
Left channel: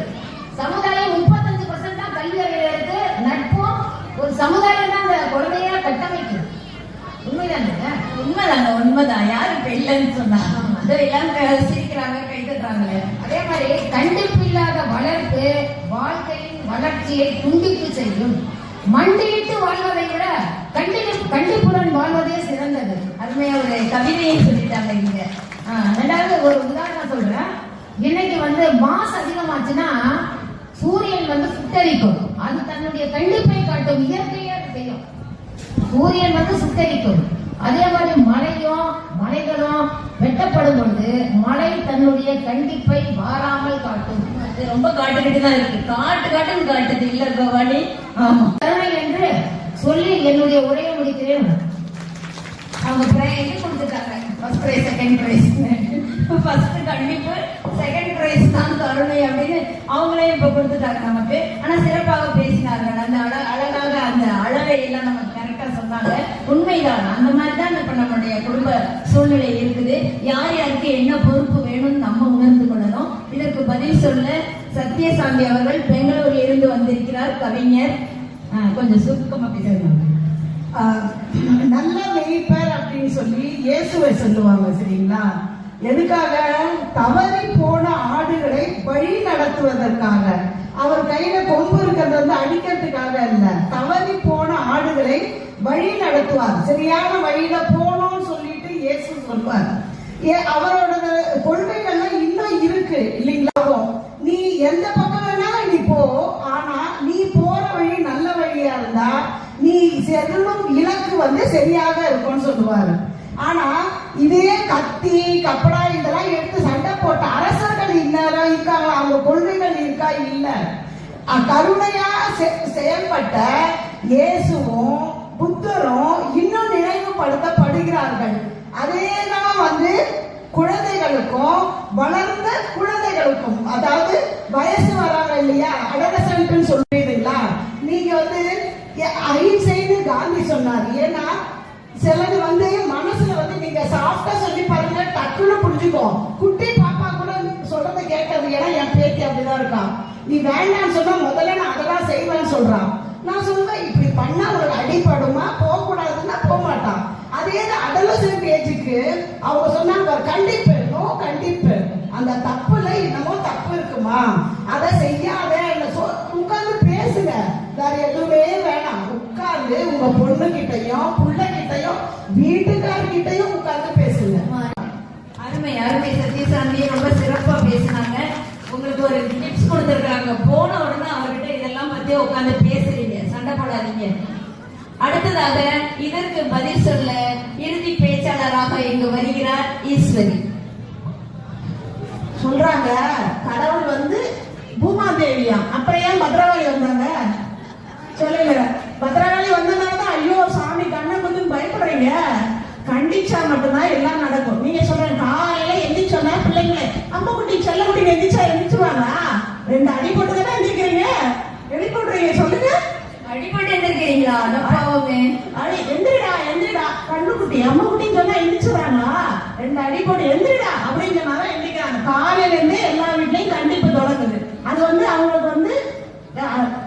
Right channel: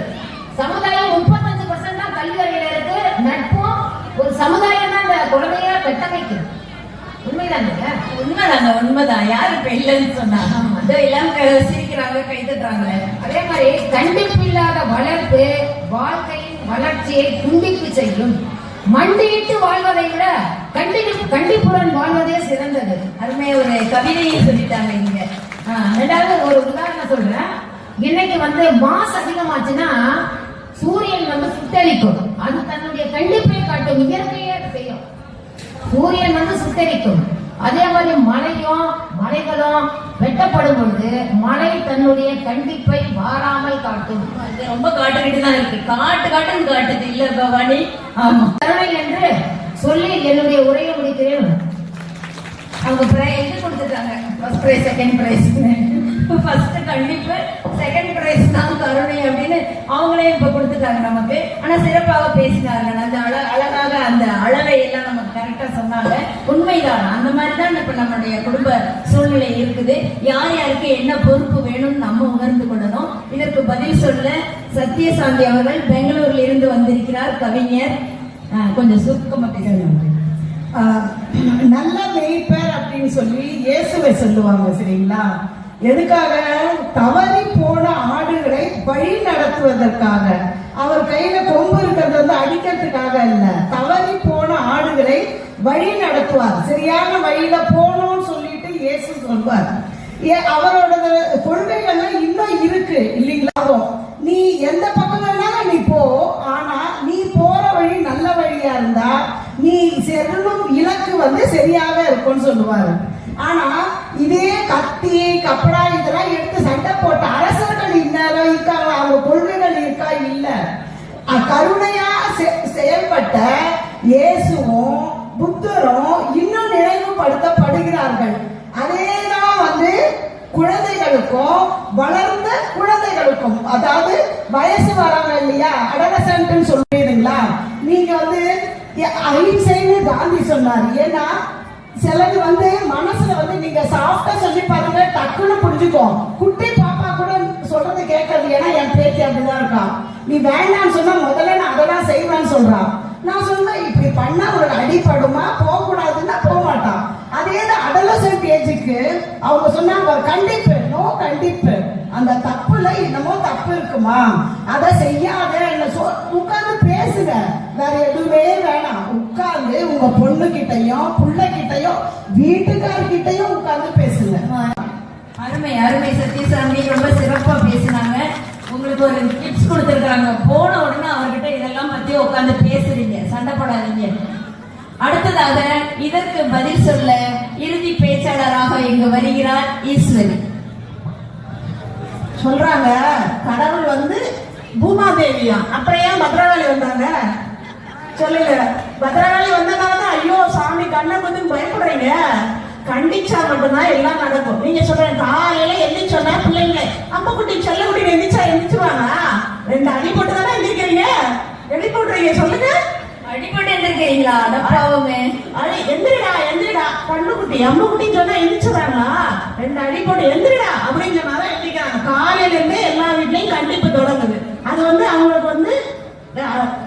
சமுதாயம் 35% தான் கல்வி அறிவியல இருக்கு. நட்பும் ஒரு சமுதாயம் தான் அந்த குழந்தைய கட்டமைக்குது. உண்மைதாங்க, உண்மைதான். யாரு இப்ப இல்லைன்னு சொன்னா எல்லாம் சிரிக்கிறாங்க, கைதுறாங்களே. அதே மாதிரி கண்டிப்பு இல்லாத வளர்ப்பு வாழ்க்கையின் வளர்ச்சியை துண்டிப்பு செய்யும். மண்டியிட்டு வாழ்வதை விட கண்டிப்புடன் வாழ்வதே சிறந்தது. அருமையா ஒரு கவிதையை சொல்லிட்டாங்க இங்க. ரெண்டாவது ஒரு உதாரணம் சொல்றேன். இன்னைக்கு மாசு அதிகமாச்சுன்னா சூரியன் சுட்டரிக்கும். அது தன்னுடைய கண்டிப்பை காட்டும், இயற்கையே செய்யும். சூரியன் சுட்டரிக்கும். அதே மாதிரி மலைகளும் வெட்டப்படும் பொழுது மழை தன்னுடைய கண்டிப்பை மாறாமல் காட்டும். அது ரொம்ப காட்டுக்கிட்டு தான் இருக்கு. காட்டுன்னு காட்டுது இல்ல பவானி? ஆமா. கருணை என்று சொல்லி என்னுடைய உரையை முடிக்கிறேன். அவங்க எங்க கொடுத்துட்டாங்க? First prize, second prize. First கண்டிப்பு, செகண்ட் பிரைஸ் தான் கருணை அப்படின்னு அவங்களே இப்ப கொடுத்துட்டாங்க நமக்கு. ஆனா சிறப்பாக பேசினாங்க. அந்த அழகாக அந்த அளவை எல்லாம் நமக்கு கரெக்டா சொன்னாங்க. உண்மைதான், அந்த மாதிரிதான் இப்ப நம்மளுடைய குடும்ப சூழ்நிலை இருக்குது. யார் யாருக்கு என்ன பொறுப்பு வேணும்னு நம்ம உணர்ந்து சாந்தி அவர்கள் பெங்களூர்ல இருந்து வந்திருக்கிறார், கவிஞர். கொஞ்சம் சுருக்கமா பேசுறாங்க. நல்ல மேய்ப்பர் அப்படின்னு சொல்லி இயேசுவை சொல்லுவாங்க, சரிங்களா? எதுக்காக? தவறி போன ஆடுகளை வழி நடத்துவதற்காக. அவர் கையில கொம்பு இருக்கிறது வந்து அடிக்கிறதுக்காக இல்ல, தவறி போன ஆடுகளை வழி நடத்துவார். சரியான வழியில போனோம்னு சொல்லிட்டு இயேசு சொல்வார். அவரோட கொள்கைகள்லாம் இன்னும் இருக்கு இல்லைங்களா? நீ எந்த பக்கம் வேணாலும் நீ போ, ஆனா நீ போற வழி நல்ல வழியா இருந்தா நீ செல்லும் இலக்கு வந்து சரியாக இருக்கும்னு சொல்லுவாரு. ஆனா இதே கத்தி கப்படா இதெல்லாம் எடுத்து சண்டை போட்ட அரசர்கள் இந்நேரம் இருக்காங்க, அவங்க கொள்கைகள் இருக்கா? இல்ல. கருணையா செயல்பட்ட இயேசுவும் புத்தரும் இன்னும் நினைவுபடுத்தப்படுகிறார்கள். அதேதான் வந்து குழந்தைகளுக்கும் வளர்ந்த குழந்தைகளுக்கும், அதாவது வயசு வராங்க இல்லையா, அடலசன்ட் சொல்றீங்களா? நீங்க வந்து அஹிம்சைன்னு காந்தி சொன்னார். ஏன்னா சிலது வந்து மனசுல வந்து நீங்க சாஃப்டா சொல்லி பாருங்க, டக்குன்னு புரிஞ்சுக்கும். குட்டி பாப்பா கூட சொல்றதை கேட்கறது. ஏன்னா என் பேத்தி அப்படிதான் இருக்கான். நீ வேண்டான்னு சொன்னா முதல்ல நான் அதெல்லாம் செய்வேன்னு சொல்றான். நான் சொன்னேன் இப்படி பண்ணா ஒரு அடிப்படுமா, போக கூடாதுன்னா போக மாட்டான். அதே அடலசன்ட் ஏஜுக்கு அவங்க சொன்னாங்க கண்டிப்பு, நோ கண்டிப்பு. அந்த தப்புல என்னமோ தப்பு இருக்குமா, அதை செய்யாத, என்ன உட்கார்ந்து பேசுங்க, வேற எதுவுமே வேணாம். உட்கார்ந்து உங்க பொண்ணு கிட்டையும் புள்ள கிட்டையும் வீட்டுக்காரர்கிட்டையும் உட்கார்ந்து பேசுங்க. அருமை அருமை சத்யசாமி, ரொம்ப சிறப்பா பேசினாங்க. உங்களுக்கு ஒரு டிப்ஸ் கொடுத்திருக்காங்க, போன உடனே அவர்கிட்ட இதெல்லாம் பத்தி உட்கார்ந்து பேசுறீங்க, சண்டை போடாதீங்க. அடுத்ததாக இதற்கு பதில் சொல்ல இறுதி பேச்சாளராக இங்கு வருகிறார் ஈஸ்வரி. சொல்றாங்க கடவுள் வந்து பூமாதேவியா, அப்புறம் ஏன் பத்ரகாளி வந்தாங்க சொல்லுங்க? பத்ரகாளி வந்தனாலதான் ஐயோ சாமி கண்ணை கொஞ்சம் பயப்படுறீங்க. கண்டிச்சா மட்டும்தான் எல்லாம் நடக்கும். நீங்க சொல்றேன் காலையில எந்திரிச்சோன்னா பிள்ளைங்க அம்மாக்குட்டி செல்லக்குட்டி எந்திரிச்சுவாங்க. 2 அடி போட்டு தானே எந்திரிக்கிறீங்க, எப்படி போடுறீங்க சொல்லுங்க? அடிப்பட்டு எந்திரிக்கிறீங்களா? அப்பாவுமே அடி எந்திரிடா எந்திரிடா, கண்ணுக்குட்டி அம்மாக்குட்டின்னு சொன்னா எந்திரிச்சுறாங்களா? 2 அடி போட்டு எந்திரிடா அப்படின்னு சொன்னாதான் எந்திரிக்கிறாங்க. காலையில இருந்து எல்லா வீட்லயும் கண்டிப்பு தொடங்குது. அது வந்து அவங்களுக்கு வந்து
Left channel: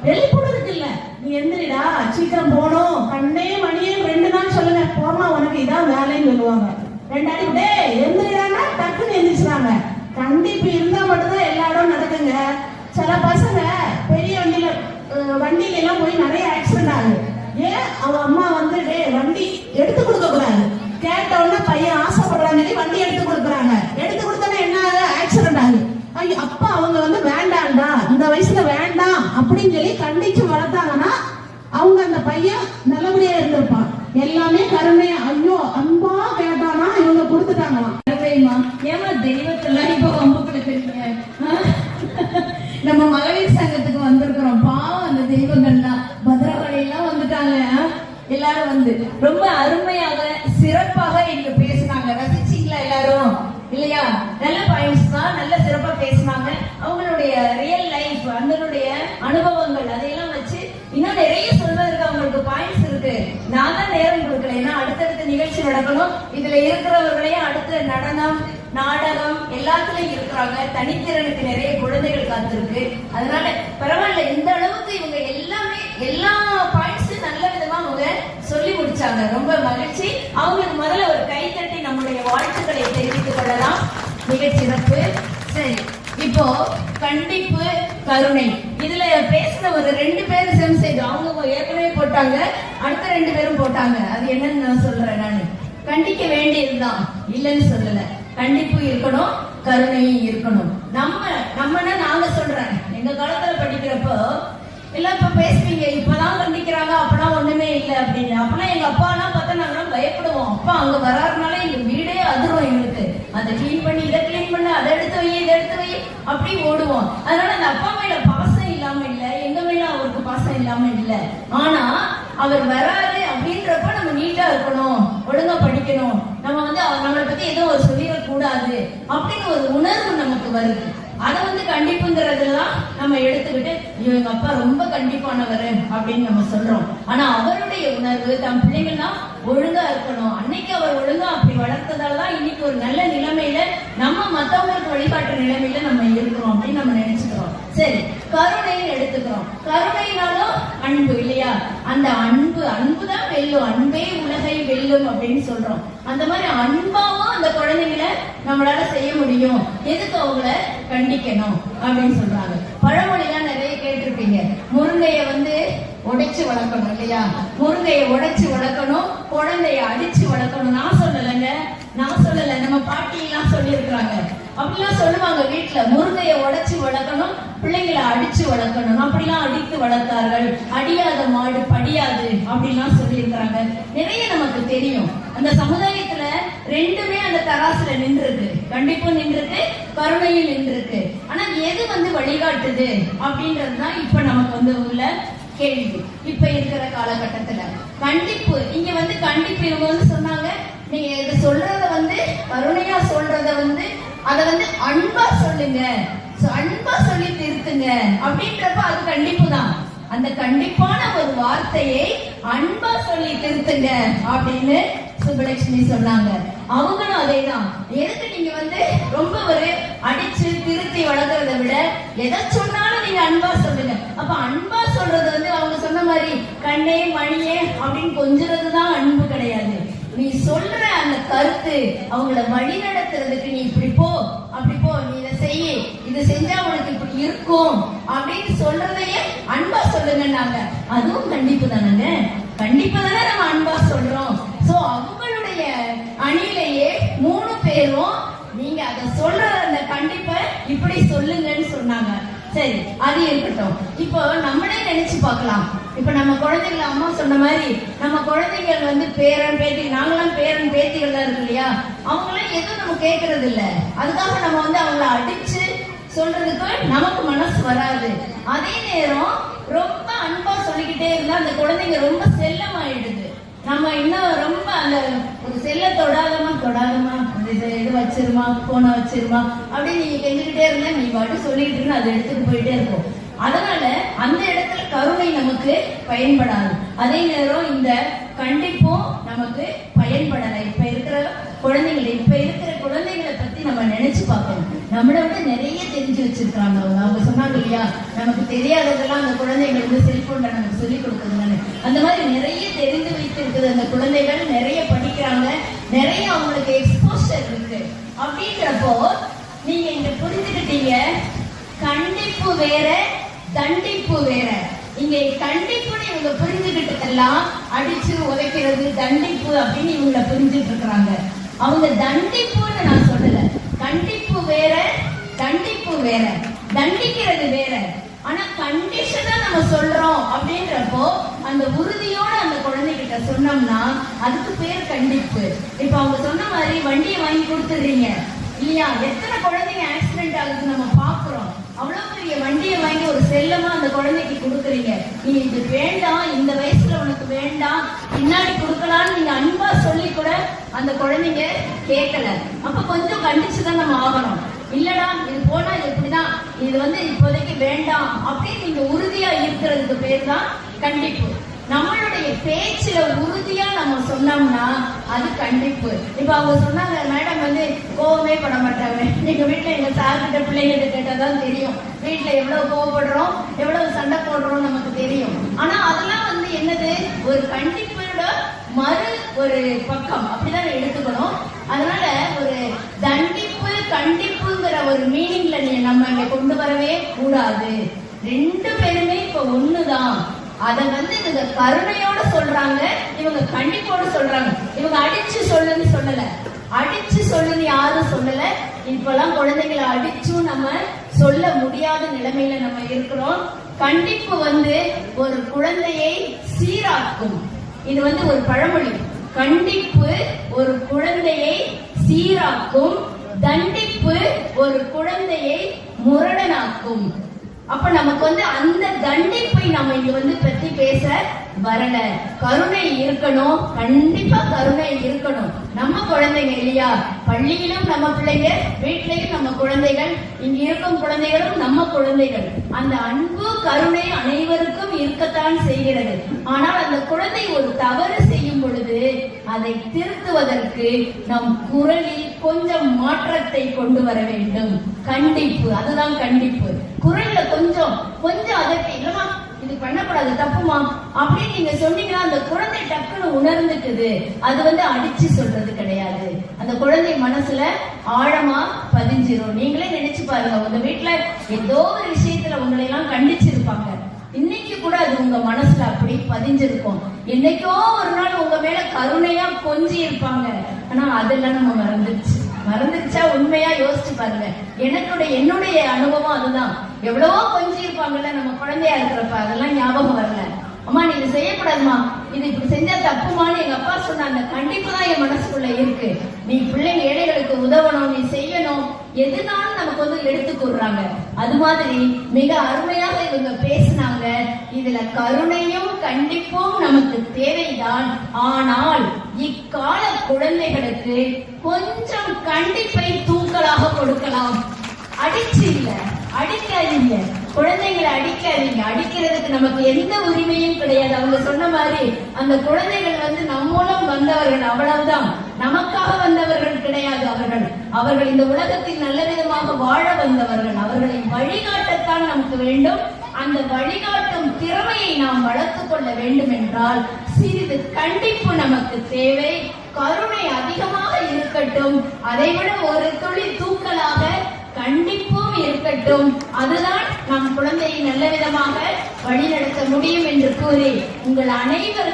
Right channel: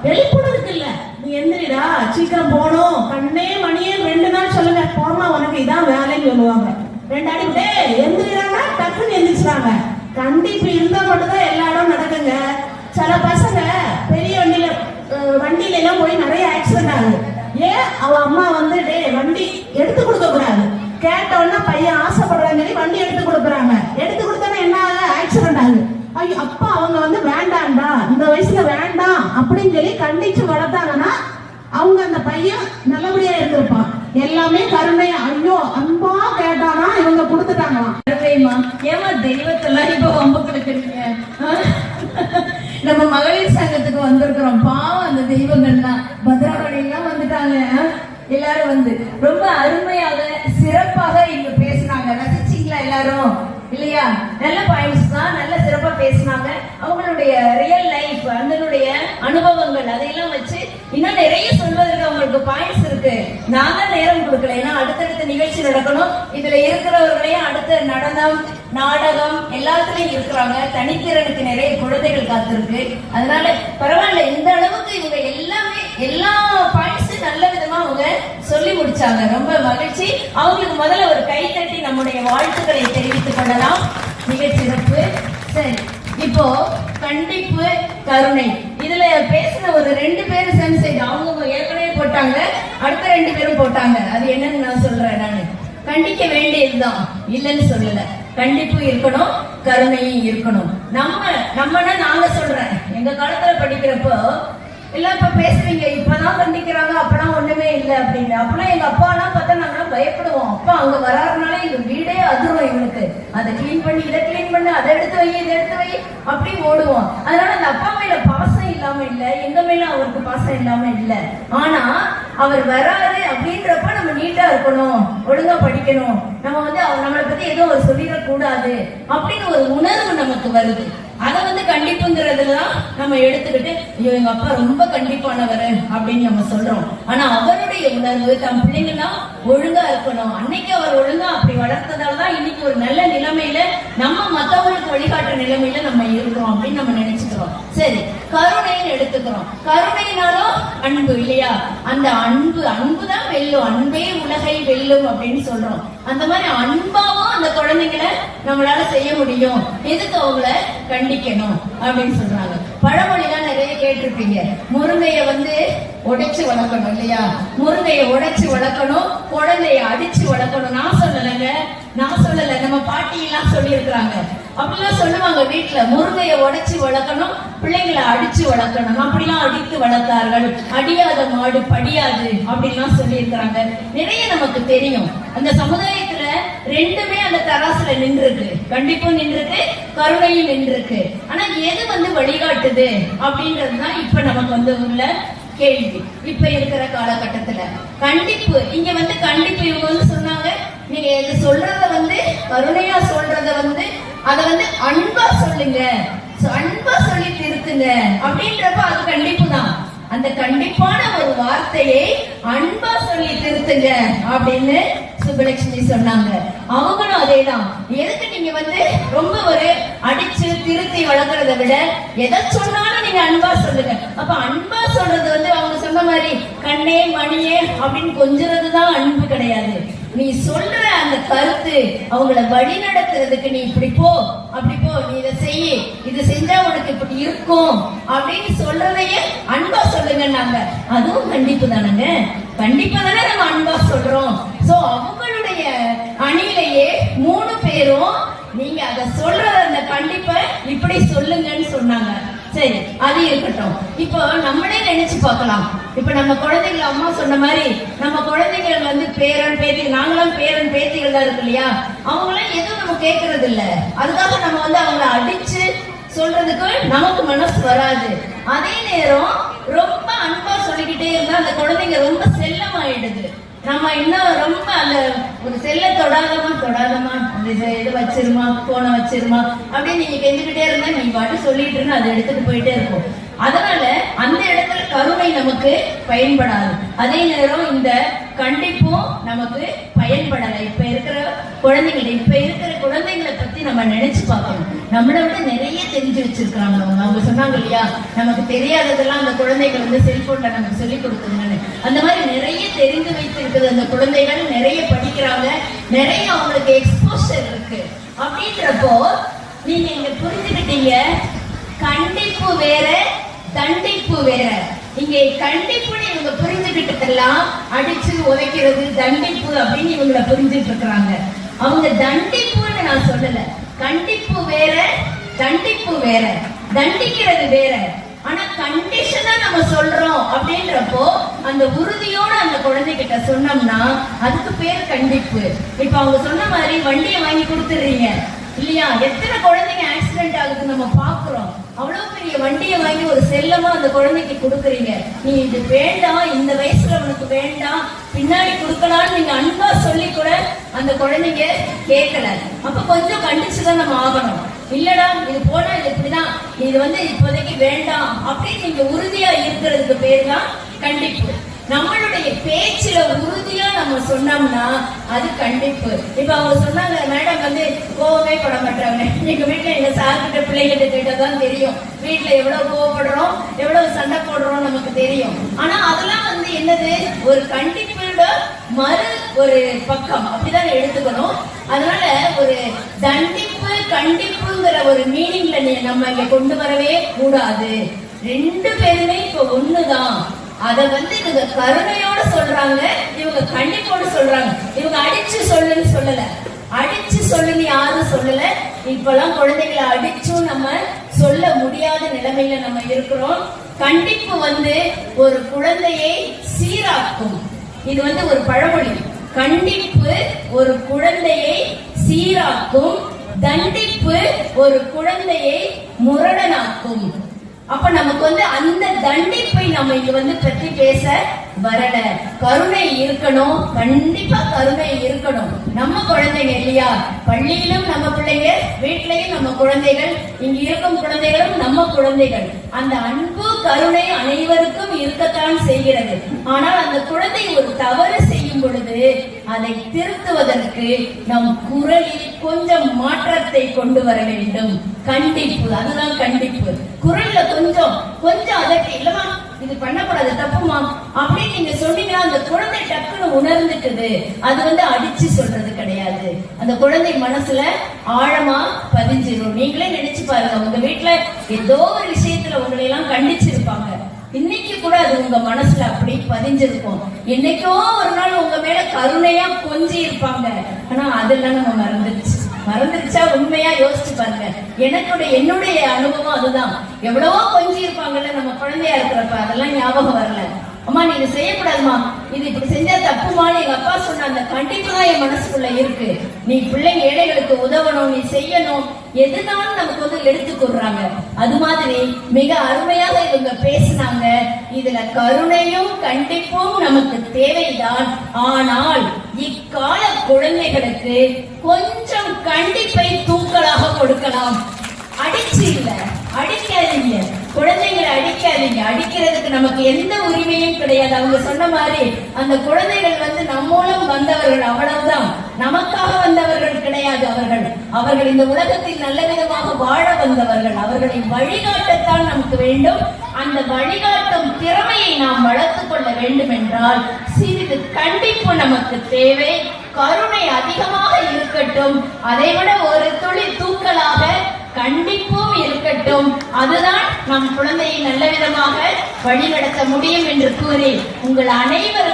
வெளிப்படுறதுக்கு இல்ல, நீ எந்திரிடா சீக்கிரம் போனோம், கண்ணே மணியே 2 நாள் சொல்லுங்க, போனா உனக்கு இதான் வேலைன்னு சொல்லுவாங்க. 2 அடி விட்டே எந்திரிக்கிறாங்க, டக்குன்னு எந்திரிச்சாங்க. கண்டிப்பு இருந்தா மட்டும்தான் எல்லா இடம் நடக்குங்க. சில பசங்க பெரிய வண்டியில எல்லாம் போய் நிறைய ஆக்சிடென்ட் ஆகுது. ஏன்? அவன் அம்மா வந்து வண்டி எடுத்து கொடுக்க கூடாது, கேட்ட உடனே பையன் ஆசைப்படுறாங்க வண்டி எடுத்து கொடுக்குறாங்க. எடுத்து கொடுத்தோன்னா என்ன ஆகுது? ஆக்சிடென்ட் ஆகுது. ஐயோ அப்பா அவங்க வந்து வேண்டாம்டா, இந்த வயசுல வேண்டாம் அப்படின்னு சொல்லி கண்டிச்சு வளர்த்தாங்கன்னா அவங்க அந்த பையன் நல்லபடியா இருந்திருப்பான். எல்லாமே கருணையா, ஐயோ அன்பா கேட்டானா இவங்க கொடுத்துட்டாங்களாம். ஏமா தெய்வத்தெல்லாம் இப்ப வம்பு கொடுக்குறீங்க? நம்ம மகளிர் சங்கத்துக்கு வந்திருக்கிறோம், பாவம் அந்த தெய்வங்கள் தான். பத்ரகாளி எல்லாம் வந்துட்டாங்க. எல்லாரும் வந்து ரொம்ப அருமையாக சிறப்பாக இங்க பேசினாங்க. ரசிச்சீங்களா எல்லாரும்? இல்லையா? நல்ல பாயிண்ட்ஸ் தான், நல்ல சிறப்பா பேசினாங்க. அவங்களுடைய ரியல் லைஃப், அதனுடைய அனுபவங்கள் அதையெல்லாம் வச்சு இன்னும் நிறைய சொல்வதற்கு அவங்களுக்கு பாயிண்ட்ஸ் இருக்கு. நான் தான் நேரம் கொடுக்கல, ஏன்னா அடுத்தடுத்த நிகழ்ச்சி நடக்கணும். இதுல இருக்கிறவர்களையும் அடுத்த நடனம் நாடகம் எல்லாத்துலயும் இருக்கிறாங்க. தனித்திறனுக்கு நிறைய குழந்தைகள் காத்திருக்கு. அதனால பரவாயில்ல, இந்த அளவுக்கு இவங்க எல்லாமே எல்லா பாயிண்ட்ஸும் நல்ல விதமா அவங்க சொல்லி முடிச்சாங்க. ரொம்ப மகிழ்ச்சி. அவங்களுக்கு முதல்ல ஒரு கைத்தட்டி நம்முடைய வாழ்த்துக்களை தெரிவித்துக் கொள்ளலாம். மிக சிறப்பு. சரி, இப்போ கண்டிப்பு கருணை இதுல பேசின ஒரு 2 பேர் சென்சைட் அவங்க ஏற்கனவே போட்டாங்க, அடுத்த 2 பேரும் போட்டாங்க. அது என்னன்னு நான் சொல்றேன். நானு கண்டிக்க வேண்டியதுதான், இல்லைன்னு சொல்லல. கண்டிப்பு இருக்கணும், கருணையும் இருக்கணும். நம்மனா நாங்க சொல்றேன், எங்க காலத்துல படிக்கிறப்போ எல்லாம் இப்ப பேசுறீங்க, இப்பதான் கண்டிக்கிறாங்க, அப்பெல்லாம் ஒண்ணுமே இல்லை அப்படின்னு. அப்பெல்லாம் எங்க அப்பா எல்லாம் பார்த்தா நாங்களாம் பயப்படுவோம். அப்பா அங்க வராதுனால எங்க வீடே அதிரும் எங்களுக்கு. அதை கிளீன் பண்ணி இதை கிளீன் பண்ணி அதை எடுத்து வை இதை எடுத்து வை அப்படி ஓடுவோம். அதனால அந்த அப்பா மேல பாசம் இல்லாம இல்ல, எங்க மேல அவருக்கு பாசம் இல்லாம இல்ல. ஆனா அவர் வராது அப்படின்றப்ப நம்ம நீட்டா இருக்கணும், ஒழுங்கா படிக்கணும், நம்ம வந்து நம்மளை பத்தி எதுவும் ஒரு சொல்லிடக்கூடாது அப்படின்னு ஒரு உணர்வு நமக்கு வருது. அதை வந்து கண்டிப்புங்கிறதெல்லாம் நம்ம எடுத்துக்கிட்டு எங்க அப்பா ரொம்ப கண்டிப்பானவர் அப்படின்னு நம்ம சொல்றோம். ஆனா அவருடைய உணர்வு தம் பிள்ளைங்கெல்லாம் ஒழுங்கா இருக்கணும், அன்னைக்கு அவர் ஒழுங்கா அப்படி வளர்த்ததாலதான் இன்னைக்கு ஒரு நல்ல நிலைமையில நம்ம மத்தவங்களுக்கு வழிகாட்டுற நிலைமையில நம்ம இருக்கிறோம் அப்படின்னு நம்ம நினைச்சுக்கிறோம். சரி, கருணைன்னு எடுத்துக்கிறோம். கருணைனாலும் அன்பு இல்லையா? அந்த அன்புதான் வெல்லும், அன்பே உலகை வெல்லும் அப்படின்னு சொல்றோம். அந்த மாதிரி அன்பாவும் அந்த குழந்தைங்களை நம்மளால செய்ய முடியும். எதுக்கு அவங்கள கண்டிக்கணும் அப்படின்னு சொல்றாங்க. பழமொழிலாம் நிறைய கேட்டிருப்பீங்க. முருங்கைய உடைச்சு வளர்க்கணும் இல்லையா? முருங்கைய உடைச்சு வளர்க்கணும், குழந்தைய அடிச்சு வளர்க்கணும். நான் சொல்லல, நம்ம பாட்டி எல்லாம் சொல்லி இருக்கிறாங்க. அப்படிலாம் சொல்லுவாங்க வீட்டுல. முருங்கைய உடைச்சு வளர்க்கணும், பிள்ளைங்களை அடிச்சு வளர்க்கணும். அப்படிலாம் அடித்து வளர்த்தார்கள். அடியாத மாடு படியாது அப்படின்லாம் சொல்லி இருக்கிறாங்க. நிறைய நமக்கு தெரியும். அந்த சமுதாயத்துல ரெண்டுமே அந்த தராசுல நின்றுருக்கு. கண்டிப்பும் நின்றுருக்கு, கருணையும் நின்றுருக்கு. ஆனா எது வழிகாட்டுது அப்படின்றதுதான் இப்ப நமக்கு உள்ள கேள்வி. இப்ப இருக்கிற காலகட்டத்துல கண்டிப்பு இங்க கண்டிப்பு இவங்க சொன்னாங்க, நீங்க இது சொல்றத கருணையா சொல்றத அத அன்பா சொல்லுங்க, அன்பா சொல்லி திருத்துங்க அப்படின்றப்ப அது கண்டிப்பு தான். அந்த கண்டிப்பான ஒரு வார்த்தையை அன்பா சொல்லி திருத்துங்க அப்படின்னு சுப்பலட்சுமி சொன்னாங்க. அவங்களும் அதேதான். எதுக்கு நீங்க ரொம்ப ஒரு அடிச்சு திருத்தி வளர்க்கறத விட எதை சொன்னாலும் நீங்க அன்பா சொல்லுங்க. அப்ப அன்பா சொல்றது அவங்க சொன்ன மாதிரி கண்ணே மணியே அப்படின்னு கொஞ்சறதுதான் அன்பு கிடையாது. நீ சொல்ற அந்த கருத்து அவங்கள வழி நடத்துறதுக்கு நீ இப்படி போ, அப்படி போ, நீ இதை செய்ய, இது செஞ்சா உனக்கு இப்படி இருக்கும் அப்படின்னு சொல்றதையே அன்பா சொல்லுங்க. நாங்க அதுவும் கண்டிப்பு தானுங்க. கண்டிப்பு தானே நம்ம அன்பா சொல்றோம். சோ அவங்களுடைய அணியிலேயே 3 பேரும் நீங்க அதை சொல்றத அந்த கண்டிப்பை இப்படி சொல்லுங்கன்னு சொன்னாங்க. சரி, அது இருக்கட்டும். இப்போ நம்மளே நினைச்சு பார்க்கலாம். இப்ப நம்ம குழந்தைகள் அம்மா சொன்ன மாதிரி நம்ம குழந்தைகள் பேரன் பேத்தி, நாங்களும் பேரன் பேத்திகள் தான் இருக்கு இல்லையா? அவங்களாம் எதுவும் நம்ம கேட்கறது இல்ல. அதுக்காக நம்ம அவங்களை அடிச்சு சொல்றதுக்கு நமக்கு மனசு வராது. அதே நேரம் ரொம்ப அன்பா சொல்லிக்கிட்டே இருந்தா அந்த குழந்தைங்க ரொம்ப செல்லமாயிடுது. நம்ம இன்னும் ரொம்ப அந்த ஒரு செல்ல தொடாதமா இது வச்சிருமா, போன வச்சிருமா அப்படின்னு நீங்க கெஞ்சிக்கிட்டே இருந்தா நீங்க பாட்டு சொல்லிட்டு இருந்தா அதை எடுத்துட்டு போயிட்டே இருக்கும். அதனால அந்த இடத்துல கருணை நமக்கு பயன்படாது. அதே நேரம் இந்த கண்டிப்பும் நமக்கு பயன்படலை. இப்ப இருக்கிற குழந்தைங்களை பத்தி நம்ம நினைச்சு பார்க்கணும். நம்மளை விட நிறைய தெரிஞ்சு வச்சிருக்காங்க. அவங்க சொன்னாங்க இல்லையா, நமக்கு தெரியாததெல்லாம் அந்த குழந்தைகள் செல்போன்ல நமக்கு சொல்லிக் கொடுக்குதுன்னு. அந்த மாதிரி நிறைய தெரிந்து வைத்திருக்கிறது அந்த குழந்தைகள். நிறைய படிக்கிறாங்க, நிறைய அவங்களுக்கு எக்ஸ்போஷர் இருக்கு. அப்படின்றப்போ நீங்க இங்க புரிஞ்சுக்கிட்டீங்க, கண்டிப்பு வேற, தண்டிப்பு வேற. இங்க கண்டிப்புன்னு இவங்க புரிஞ்சுக்கிட்டதெல்லாம் அடிச்சு உதைக்கிறது தண்டிப்பு அப்படின்னு இவங்களை புரிஞ்சுட்டு இருக்கிறாங்க. அவங்க தண்டிப்புன்னு நான் சொல்லல. கண்டிப்பு வேற, தண்டிப்பு வேற, தண்டிக்கிறது வேற. ஆனா கண்டிஷனா நம்ம சொல்றோம் அப்படின்றப்போ அந்த உறுதியோட அந்த குழந்தைகிட்ட சொன்னோம்னா அதுக்கு பேர் கண்டிப்பு. இப்ப அவங்க சொன்ன மாதிரி வண்டியை வாங்கி கொடுத்துடுறீங்க இல்லையா? எத்தனை குழந்தைங்க ஆக்சிடென்ட் ஆகுது நம்ம பாக்குறோம். அவ்வளவு பெரிய வண்டியை வாங்கி ஒரு செல்லமா அந்த குழந்தைக்கு கொடுக்குறீங்க. நீங்க இது வேண்டாம், இந்த வயசுல உனக்கு வேண்டாம், பின்னாடி கொடுக்கலாம்னு நீங்க அன்பா சொல்லி கூட அந்த குழந்தைங்க கேட்கல. அப்ப கொஞ்சம் கண்டிச்சுதான் நம்ம ஆகணும். இல்லடா இது போல இப்படிதான், இது இப்போதைக்கு வேண்டாம் அப்படின்னு நீங்க உறுதியா இருக்கிறதுக்கு பேர் தான் கண்டிப்பு. நம்மளுடைய பேச்சுல உறுதியா நம்ம சொன்னோம்னா அது கண்டிப்பு. இப்ப அவங்க சொன்னாங்க, மேடம் கோவமே பட மாட்டாங்க. எங்க வீட்டுல எங்க சார்கிட்ட பிள்ளைகிட்ட கேட்டாதான் தெரியும் வீட்டுல எவ்வளவு கோவப்படுறோம், எவ்வளவு சண்டை போடுறோம் நமக்கு தெரியும். ஆனா அதெல்லாம் என்னது, ஒரு கண்டிப்போட மறு ஒரு பக்கம் அப்படிதான் எடுத்துக்கணும். அதனால ஒரு தண்டிப்பு கண்டிப்புங்கிற ஒரு மீனிங்ல நம்ம இங்க கொண்டு வரவே கூடாது. 2 பேருமே இப்ப ஒண்ணுதான். அத இவங்க கருணையோட சொல்றாங்க, இவங்க கண்டிப்போட சொல்றாங்க. இவங்க அடிச்சு சொல்லுன்னு சொல்லல, அடிச்சு சொல்லுன்னு யாரும் சொல்லல. இப்பெல்லாம் குழந்தைகளை அடிச்சும் நம்ம சொல்ல முடியாத நிலைமையில நம்ம இருக்கிறோம். கண்டிப்பு ஒரு குழந்தையை சீராக்கும். இது ஒரு பழமொழி. கண்டிப்பு ஒரு குழந்தையை சீராக்கும், தண்டிப்பு ஒரு குழந்தையை முரடனாக்கும். அப்ப நமக்கு அந்த தண்டிப்பை நம்ம இங்க பற்றி பேச வரல. கருணை இருக்கணும், கண்டிப்பா கருணை இருக்கணும். நம்ம குழந்தைங்க இல்லையா, பள்ளியிலும் நம்ம பிள்ளைங்க, வீட்டிலையும் நம்ம குழந்தைகள், இங்க இருக்கும் குழந்தைகளும் நம்ம குழந்தைகள். அந்த அன்பு கருணை அனைவருக்கும் இருக்கத்தான் செய்கிறது. ஆனால் அந்த குழந்தை ஒரு தவறு செய்யும் பொழுது அதை திருத்துவதற்கு நம் குரலில் கொஞ்சம் மாற்றத்தை கொண்டு வர வேண்டும். கண்டிப்பு, அதுதான் கண்டிப்பு. குரல்ல கொஞ்சம் அதற்கு இல்லமா இது பண்ணக்கூடாது தப்புமா அப்படின்னு நீங்க சொன்னீங்கன்னா அந்த குழந்தை டக்குன்னு உணர்ந்துக்குது. அது அடிச்சு சொல்றது கிடையாது, அந்த குழந்தை மனசுல ஆழமா பதிஞ்சிரும். நீங்களே நினைச்சு பாருங்க, உங்க வீட்டுல ஏதோ ஒரு விஷயத்துல உங்களை எல்லாம் கண்டிச்சிருப்பாங்க, இன்னைக்கு கூட அது உங்க மனசுல அப்படி பதிஞ்சிருக்கும். என்னைக்கோ ஒரு நாள் உங்க மேல கருணையா கொஞ்சி இருப்பாங்க, ஆனா அதெல்லாம் நம்ம மறந்துருச்சா? உண்மையா யோசிச்சு பாருங்க. என்னுடைய அனுபவம் அதுதான். எவ்வளவோ கொஞ்சி இருப்பாங்கல்ல நம்ம குழந்தையா இருக்கிறப்ப, அதெல்லாம் ஞாபகம் வரல. அம்மா நீங்க செய்யக்கூடாதுமா, இது இப்படி செஞ்சா தப்புமான்னு எங்க அப்பா சொன்ன அந்த கண்டிப்பு தான் என் மனசுக்குள்ள இருக்கு. நீ பிள்ளைங்க ஏழைகளுக்கு உதவணும், நீ செய்யணும், எதுனாலும் நமக்கு எடுத்து கூடுறாங்க. அது மாதிரி மிக அருமையாக இவங்க பேசினாங்க. இதுல கருணையும் கண்டிப்பும் நமக்கு தேவைதான். ஆனால் இக்கால குழந்தைகளுக்கு கொஞ்சம் கண்டிப்பை தூக்கலாக கொடுக்கலாம். அடிச்சு இல்ல, அடிக்காதீங்க குழந்தைங்களை, அடிக்காதீங்க. அடிக்கிறதுக்கு நமக்கு எந்த உரிமையும் கிடையாது. அவங்க சொன்ன மாதிரி அந்த குழந்தைகள் நம்மூலம் வந்தவர்கள், அவ்வளவுதான். நமக்காக வந்தவர்கள் கிடையாது. அவர்கள் இந்த உலகத்தில் நல்ல விதமாக வாழ வந்தவர்கள். அவர்களை வழிகாட்டத்தான் நமக்கு வேண்டும். அந்த வழிகாட்டும் திறமையை நாம் வளர்த்துக் கொள்ள வேண்டும் என்றால் சிறிது கண்டிப்பு நமக்கு தேவை. கருணை அதிகமாக இருக்கட்டும், அதைவிட ஒரு துளி தூக்கலாக கண்டிப்பும் இருக்கட்டும். அதுதான் நம் குழந்தையை நல்ல விதமாக வழிநடத்த முடியும் என்று கூறி உங்கள் அனைவருக்கும்